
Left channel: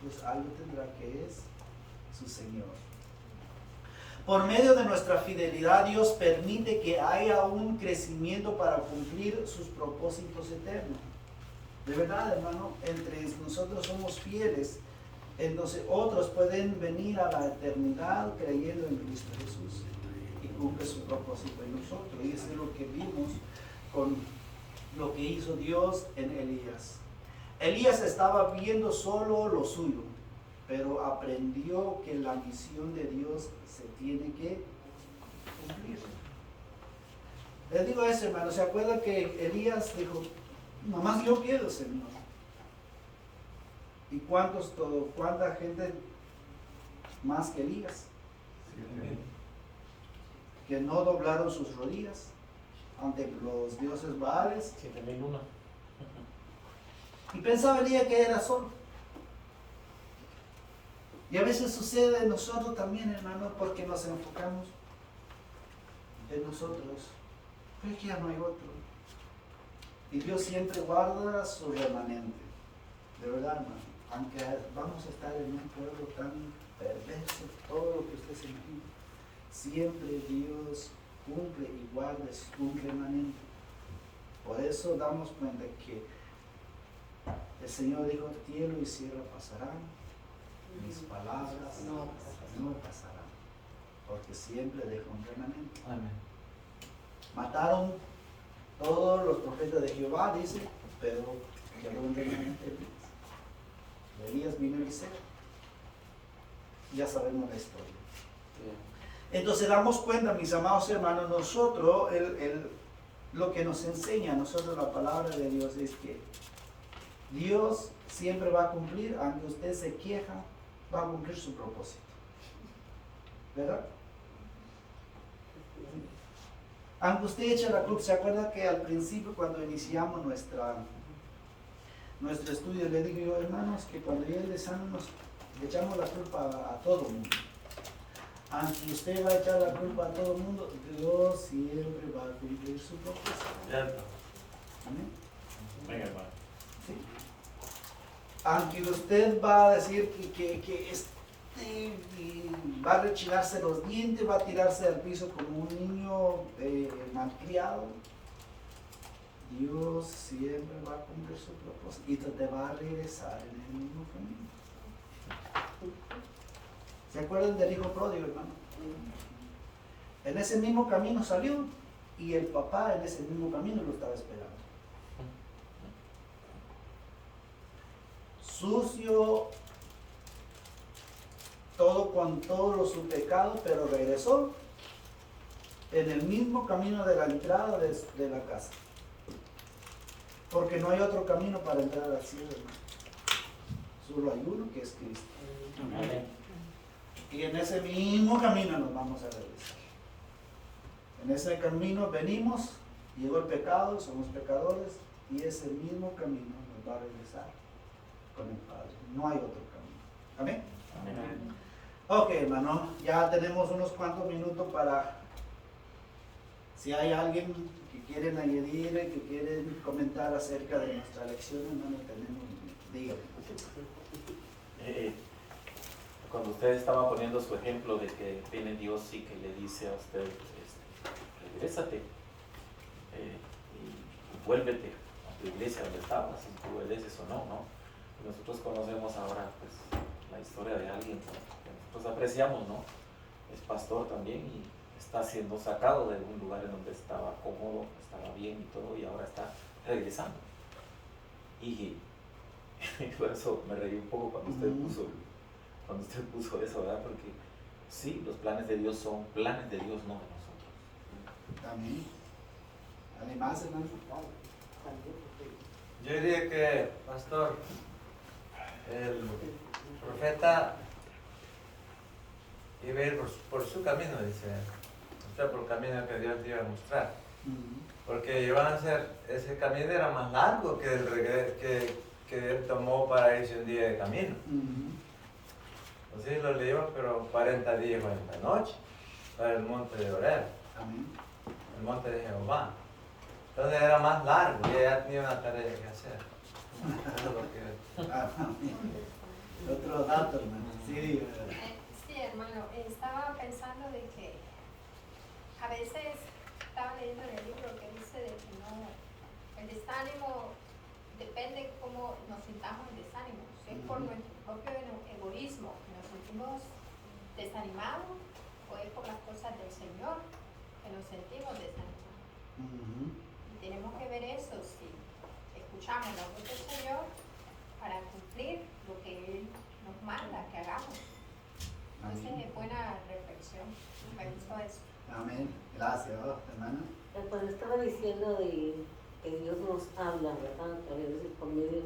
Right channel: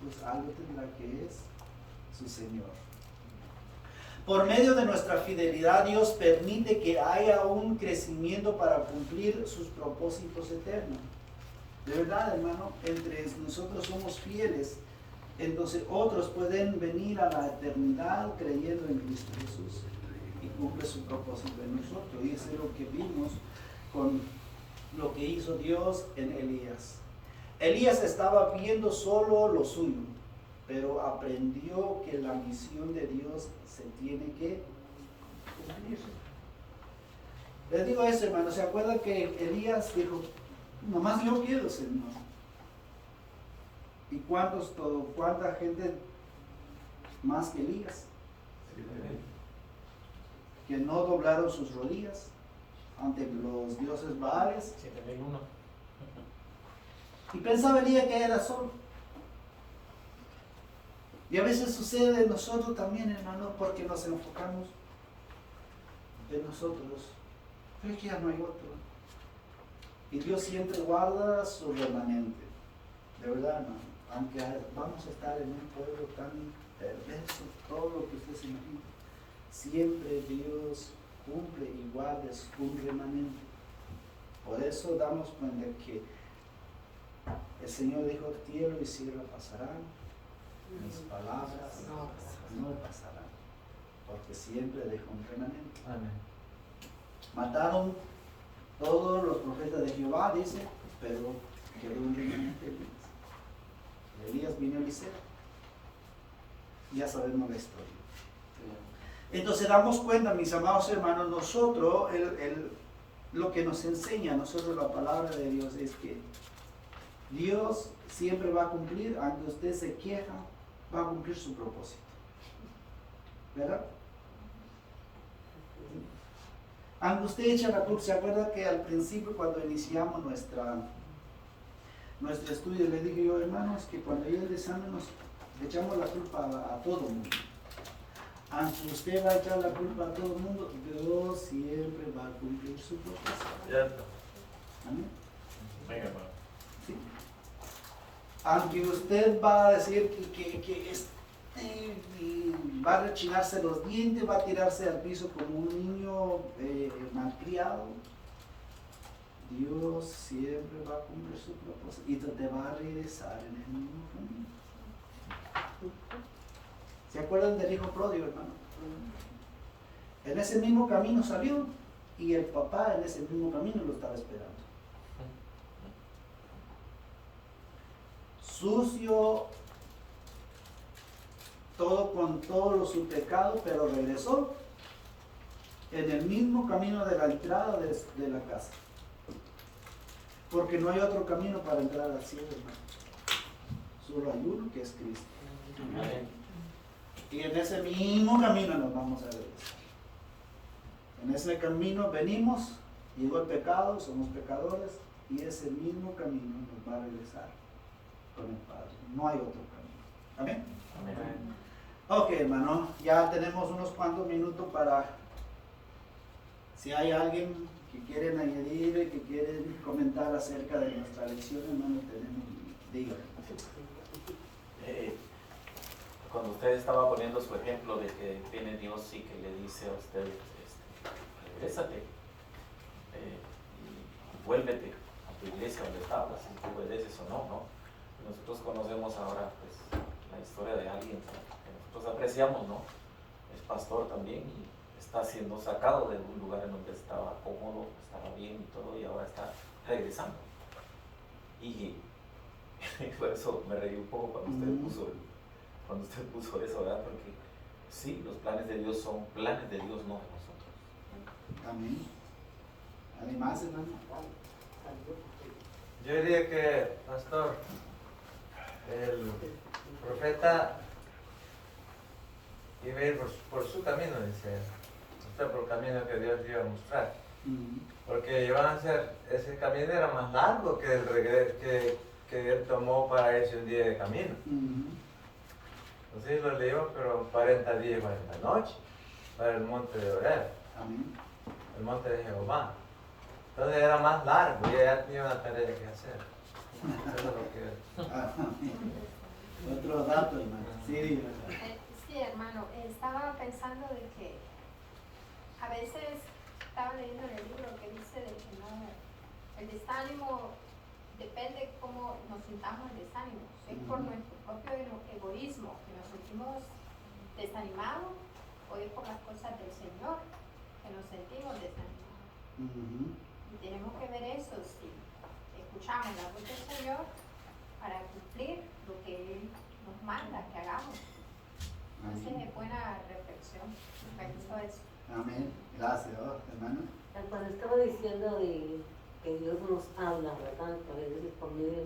Pues algo tendrá que es su Señor. Por medio de nuestra fidelidad, Dios permite que haya un crecimiento para cumplir sus propósitos eternos. De verdad, hermano, entre nosotros somos fieles, entonces otros pueden venir a la eternidad creyendo en Cristo Jesús y cumple su propósito en nosotros. Y eso es lo que vimos con lo que hizo Dios en Elías. Elías estaba viendo solo lo suyo, pero aprendió que la misión de Dios se tiene que cumplir. Les digo eso, hermano, ¿se acuerdan que Elías dijo, nomás yo quiero, Señor? ¿Y cuánta gente más que Elías? Que no doblaron sus rodillas ante los dioses Baales. 7,001. Y pensaba Elías que era solo. Y a veces sucede en nosotros también, hermano, porque nos enfocamos en nosotros. Pero que ya no hay otro. Y Dios siempre guarda su remanente. De verdad, hermano. Aunque vamos a estar en un pueblo tan perverso, todo lo que usted se imagina, siempre Dios cumple y guarda un remanente. Por eso damos cuenta que el Señor dijo, cielo y tierra pasarán, mis palabras no pasarán. porque siempre deja un remanente. Amén. Mataron todos los profetas de Jehová, dice, pero quedó un remanente de Elías. Elías vino a Eliseo. Ya sabemos la historia. Entonces damos cuenta, mis amados hermanos, nosotros, lo que nos enseña a nosotros la palabra de Dios es que Dios siempre va a cumplir, aunque usted se queja, va a cumplir su propósito. ¿Verdad? Aunque usted echa la culpa, ¿se acuerda que al principio cuando iniciamos nuestro estudio le dije yo, hermanos, que cuando ya el examen le echamos la culpa a todo el mundo? Aunque usted va a echar la culpa a todo el mundo, Dios siempre va a cumplir su propósito. Amén. Venga, hermano. ¿Sí? Aunque usted va a decir que va a rechinarse los dientes, va a tirarse al piso como un niño malcriado, Dios siempre va a cumplir su propósito y te va a regresar en el mismo camino. ¿Se acuerdan del hijo pródigo, hermano? En ese mismo camino salió y el papá en ese mismo camino lo estaba esperando. Sucio, todo con todo su pecado, pero regresó en el mismo camino de la entrada de la casa. Porque no hay otro camino para entrar al cielo, hermano. Solo hay uno, que es Cristo. Y en ese mismo camino nos vamos a regresar. En ese camino venimos, llegó el pecado, somos pecadores, y ese mismo camino nos va a regresar con el Padre. No hay otro camino. ¿Amén? Amén. Ok, hermano, ya tenemos unos cuantos minutos para, si hay alguien que quieren añadir, que quieren comentar acerca de nuestra lección, hermano, tenemos, díganme. Cuando usted estaba poniendo su ejemplo de que viene Dios y que le dice a usted, regrésate y vuélvete a tu iglesia donde estabas, si tú obedeces o no, ¿no? Y nosotros conocemos ahora pues, la historia de alguien que nosotros apreciamos, ¿no? Es pastor también y está siendo sacado de un lugar en donde estaba cómodo, estaba bien y todo, y ahora está regresando. Y por eso me reí un poco cuando usted puso eso, ¿verdad? Porque sí, los planes de Dios son planes de Dios, no de nosotros. Amén. Además, hermano. Yo diría que, pastor, el profeta iba a ir por su camino, dice, usted por el camino que Dios le iba a mostrar. Porque iban a hacer, ese camino era más largo que que él tomó para irse un día de camino. Así lo llevó, pero 40 días y 40 noches para el monte de Oreb, el monte de Jehová. Entonces era más largo y ella tenía una tarea que hacer. Eso es lo que... Otro dato, hermano. Sí, sí, hermano, estaba pensando de que a veces estaba leyendo en el libro que dice de que no, el desánimo depende cómo nos sintamos el desánimo. Si es por nuestro propio egoísmo que nos sentimos desanimados, o es por las cosas del Señor que nos sentimos desanimados. Y tenemos que ver eso, si escuchamos la voz del Señor para cumplir lo que Él nos manda que hagamos. Esa es buena reflexión, me gustó eso. Amén. Gracias, hermana. Cuando estaba diciendo de que Dios nos habla, ¿verdad? A veces por medio,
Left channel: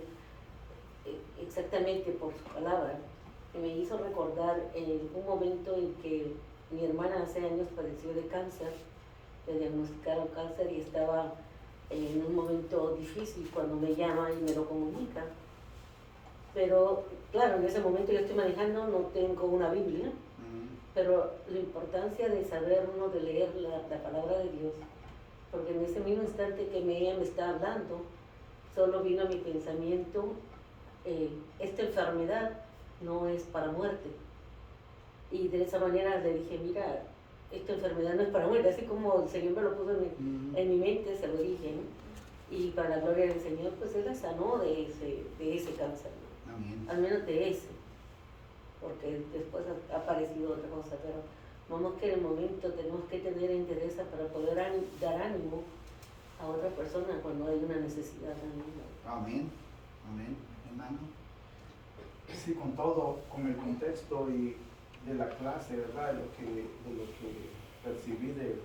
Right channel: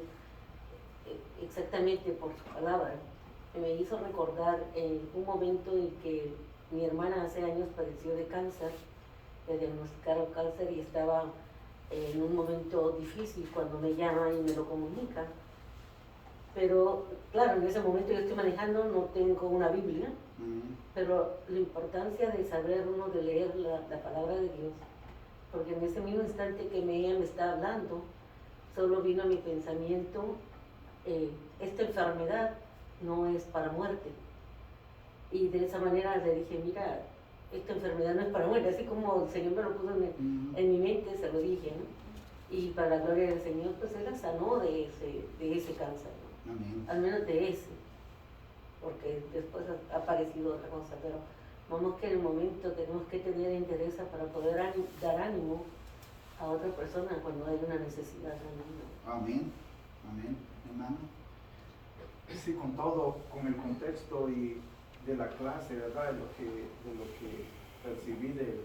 exactamente por su palabra, me hizo recordar un momento en que mi hermana hace años padeció de cáncer, le diagnosticaron cáncer y estaba en un momento difícil cuando me llama y me lo comunica. Pero claro, en ese momento yo estoy manejando, no tengo una Biblia, pero la importancia de saber uno, de leer la palabra de Dios, porque en ese mismo instante que ella me está hablando, solo vino a mi pensamiento, esta enfermedad no es para muerte. Y de esa manera le dije, mira, esta enfermedad no es para muerte, así como el Señor me lo puso en mi mente, se lo dije, ¿no? Y para la gloria del Señor, pues Él la sanó de ese cáncer, ¿no? Amén. Al menos de ese, porque después ha aparecido otra cosa, pero No más que en el momento tenemos que tener interés para poder dar ánimo a otra persona cuando hay una necesidad. Amén. Amén, hermano. Sí, con todo, con el contexto y de la clase, ¿verdad? De lo que percibí de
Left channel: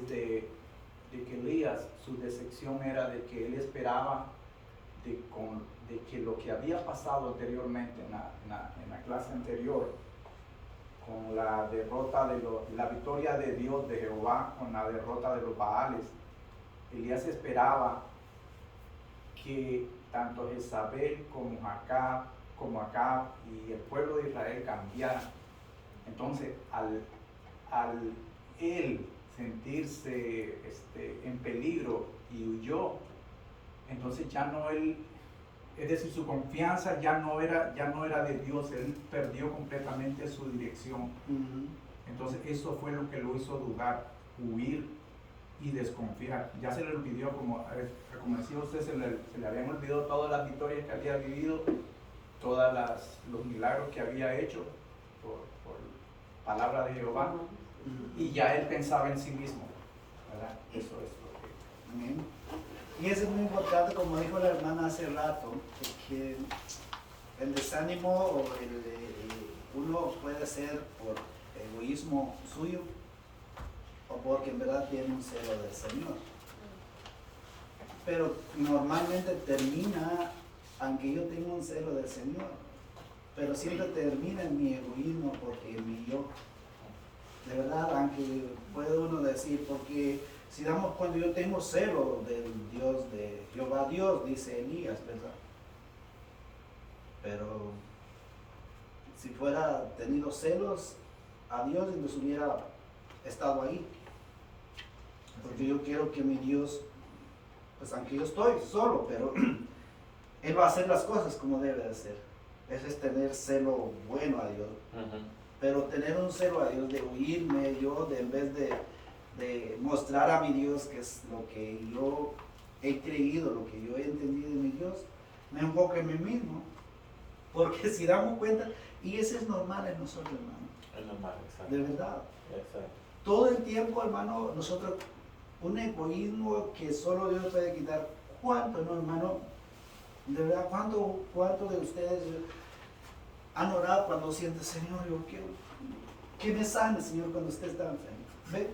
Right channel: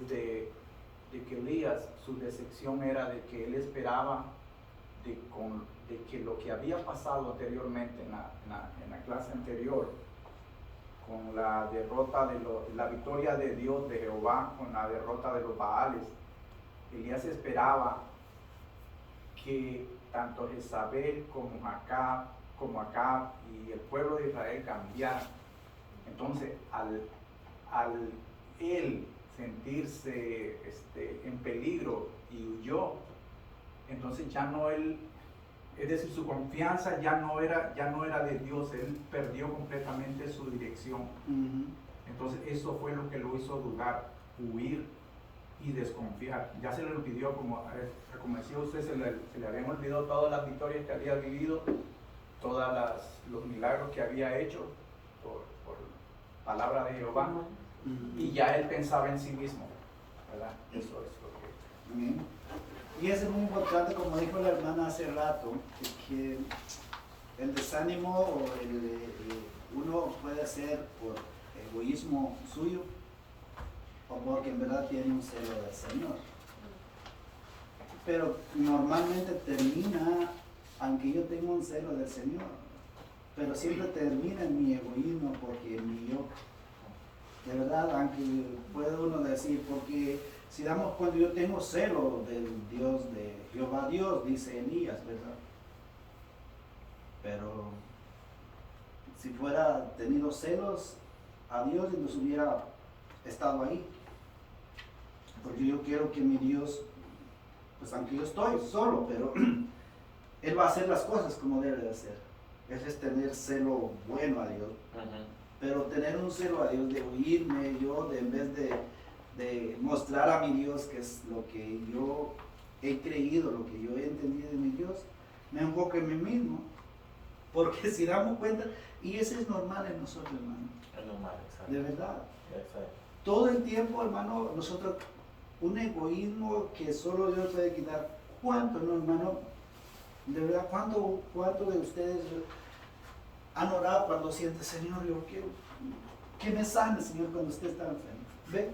que Elías, su decepción era de que él esperaba de que lo que había pasado anteriormente en la clase anterior, con la derrota la victoria de Dios, de Jehová, con la derrota de los Baales, Elías esperaba que tanto Jezabel como Acab y el pueblo de Israel cambiaran. Entonces, al él sentirse en peligro y huyó, entonces ya no él, es decir, su confianza ya no era de Dios, él perdió completamente su dirección. Entonces eso fue lo que lo hizo dudar, huir y desconfiar. Ya se le olvidó, como decía usted, se le habían olvidado todas las victorias que había vivido, todos los milagros que había hecho por palabra de Jehová, y ya él pensaba en sí mismo, ¿verdad? Eso es lo que... Amén. Y eso es muy importante, como dijo la hermana hace rato, que el desánimo o uno puede ser por egoísmo suyo o porque en verdad tiene un celo del Señor. Pero normalmente termina, aunque yo tengo un celo del Señor, pero siempre termina en mi egoísmo porque en mi yo. De verdad, aunque puede uno decir, porque si damos cuando yo tengo celo del Dios de Jehová Dios, dice Elías, ¿verdad? Pero si fuera tenido celos a Dios, nos hubiera estado ahí. Porque yo quiero que mi Dios, pues aunque yo estoy solo, pero Él va a hacer las cosas como debe de hacer. Ese es tener celo bueno a Dios. Pero tener un celo a Dios de huirme yo, en vez de mostrar a mi Dios que es lo que yo he creído, lo que yo he entendido de mi Dios, me enfoco en mí mismo. Porque si damos cuenta, y eso es normal en nosotros, hermano. Es normal, exacto. De verdad. Exacto. Todo el tiempo, hermano, nosotros, un egoísmo que solo Dios puede quitar. ¿Cuánto, no, hermano? De verdad, ¿cuánto de ustedes han orado cuando sienten, Señor, yo quiero que me sane, Señor, cuando usted está enfermo? ¿Ve?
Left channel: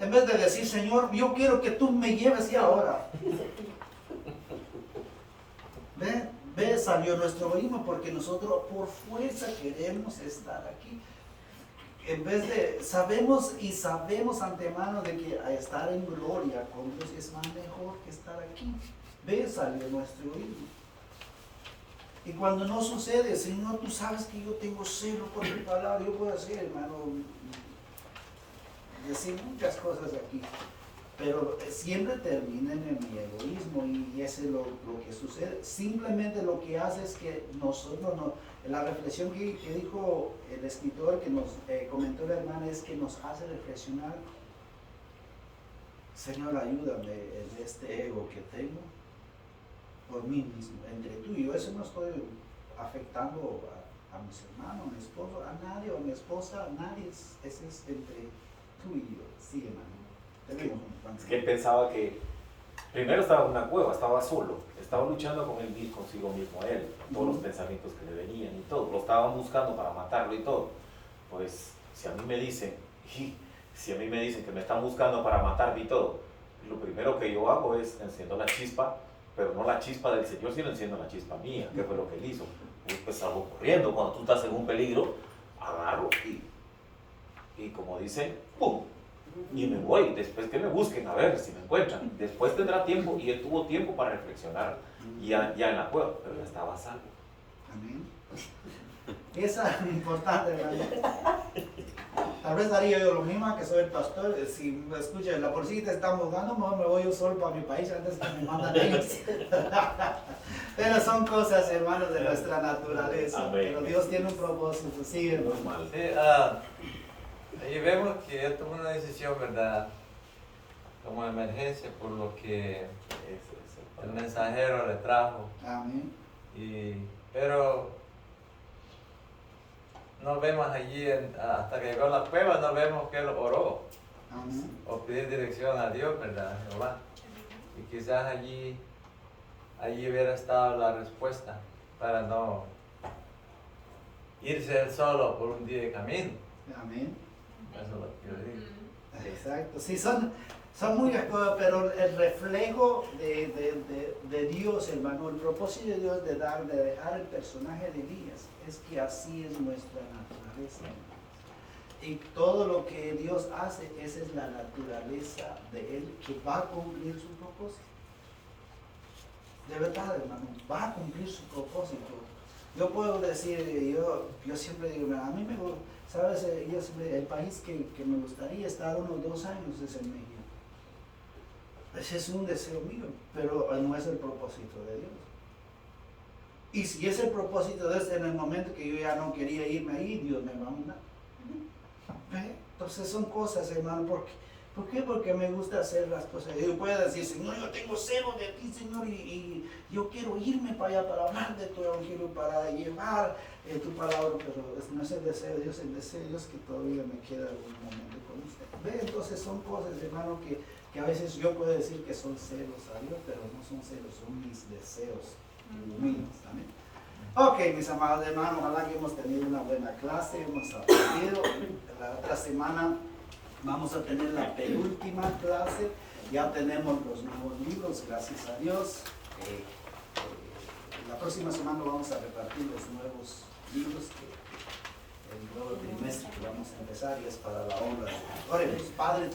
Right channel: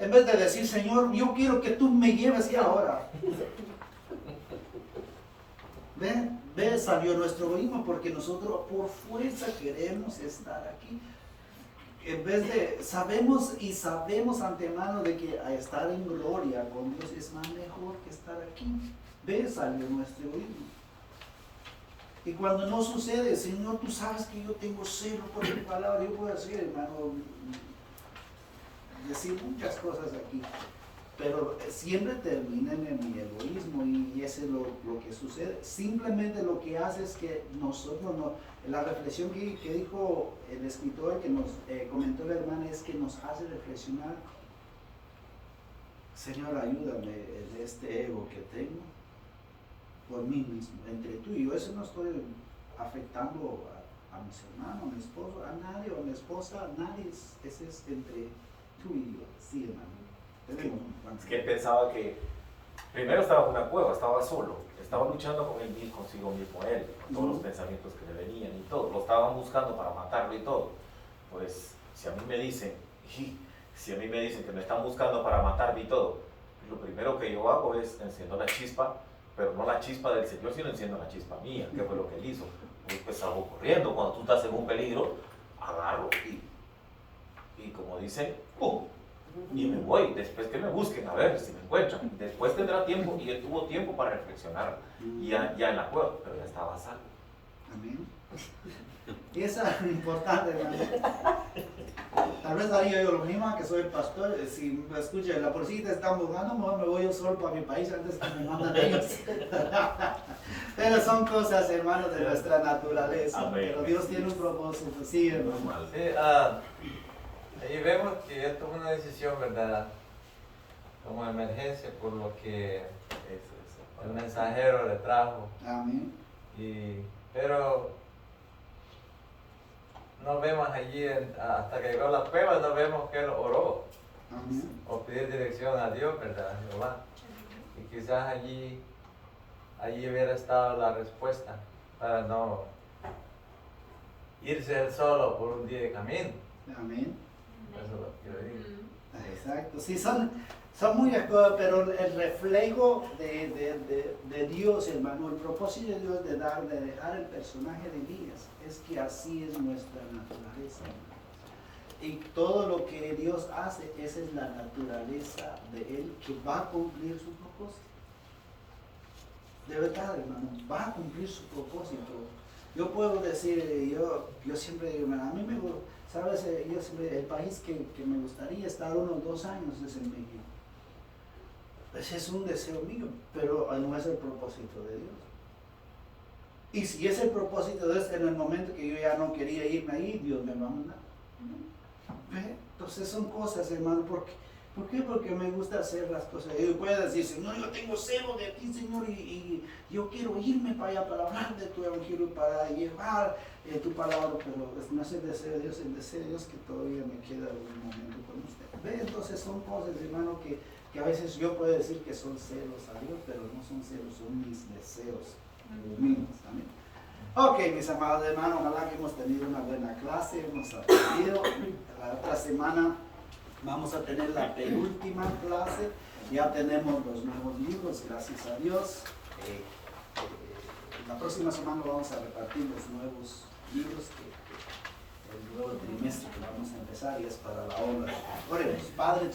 En vez de decir, Señor, yo quiero que tú me lleves ya ahora. ¿Ve? Salió nuestro egoísmo porque nosotros por fuerza queremos estar aquí. En vez de, sabemos antemano de que estar en gloria con Dios es más mejor que estar aquí. ¿Ve? Salió nuestro egoísmo. Y cuando no sucede, Señor, tú sabes que yo tengo celo por tu palabra, yo puedo hacer, hermano, decir muchas cosas aquí, pero siempre terminan en mi egoísmo y ese es lo que sucede. Simplemente lo que hace es que nosotros, la reflexión que dijo el escritor, que nos comentó la hermana, es que nos hace reflexionar. Señor, ayúdame de este ego que tengo por mí mismo, entre tú y yo. Eso no estoy afectando a mis hermanos, a mi esposo, a nadie, o a mi esposa, a nadie. Ese es entre tú y yo. Sí, hermano. Es que pensaba que primero estaba en una cueva, estaba solo, estaba luchando con él mismo, consigo mismo, él, todos los pensamientos que le venían y todo, lo estaban buscando para matarlo y todo. Pues si a mí me dicen que me están buscando para matarme y todo, lo primero que yo hago es enciendo la chispa, pero no la chispa del Señor, sino enciendo la chispa mía, que fue lo que él hizo. Pues salgo corriendo, cuando tú estás en un peligro, agarro y como dice, ¡pum! Y me voy, después que me busquen, a ver si me encuentran. Después tendrá tiempo, y él tuvo tiempo para reflexionar, ya en la cueva, pero ya estaba a salvo. Amén. Eso es importante, hermano. Tal vez haría yo lo mismo, que soy el pastor. Si me escucha, la policía te está buscando, mejor me voy yo solo para mi país antes que me mandan ellos. Pero son cosas, hermanos, de nuestra naturaleza. Amén. Pero Dios tiene un propósito. Sí, hermano. Sí, ahí vemos que él tomó una decisión, ¿verdad? Como emergencia por lo que el mensajero le trajo. Amén. Pero no vemos allí, hasta que llegó la prueba, no vemos que él oró Amén. o pidió dirección a Dios, ¿verdad? Jehová. Y quizás allí hubiera estado la respuesta para no irse él solo por un día de camino. Amén. Eso es lo que yo digo. Exacto. Sí, son muchas cosas, pero el reflejo de Dios, hermano, el propósito de Dios de dejar el personaje de Elías es que así es nuestra naturaleza, hermano. Y todo lo que Dios hace, esa es la naturaleza de Él, que va a cumplir su propósito. De verdad, hermano, va a cumplir su propósito. Yo puedo decir, yo siempre digo, a mí me gusta, ¿sabes? El país que me gustaría estar unos 2 años es en México. Ese es un deseo mío, pero no es el propósito de Dios. Y si es el propósito de Dios, en el momento que yo ya no quería irme ahí, Dios me va a mandar. ¿Ve? Entonces son cosas, hermano, ¿por qué? Porque me gusta hacer las cosas. Yo puedo decir, Señor, yo tengo celo de ti, Señor, y yo quiero irme para allá para hablar de tu evangelio, para llevar tu palabra, pero no es el deseo de Dios, el deseo de Dios que todavía me queda un momento con usted. ¿Ve? Entonces son cosas, hermano, que a veces yo puedo decir que son celos a Dios, pero no son celos, son mis deseos míos. Amén. Ok, mis amados hermanos, ojalá que hemos tenido una buena clase, hemos aprendido. La otra semana vamos a tener la penúltima clase, ya tenemos los nuevos libros, gracias a Dios. La próxima semana vamos a repartir los nuevos libros el nuevo trimestre que vamos a empezar y es para la obra. Oremos, Padre.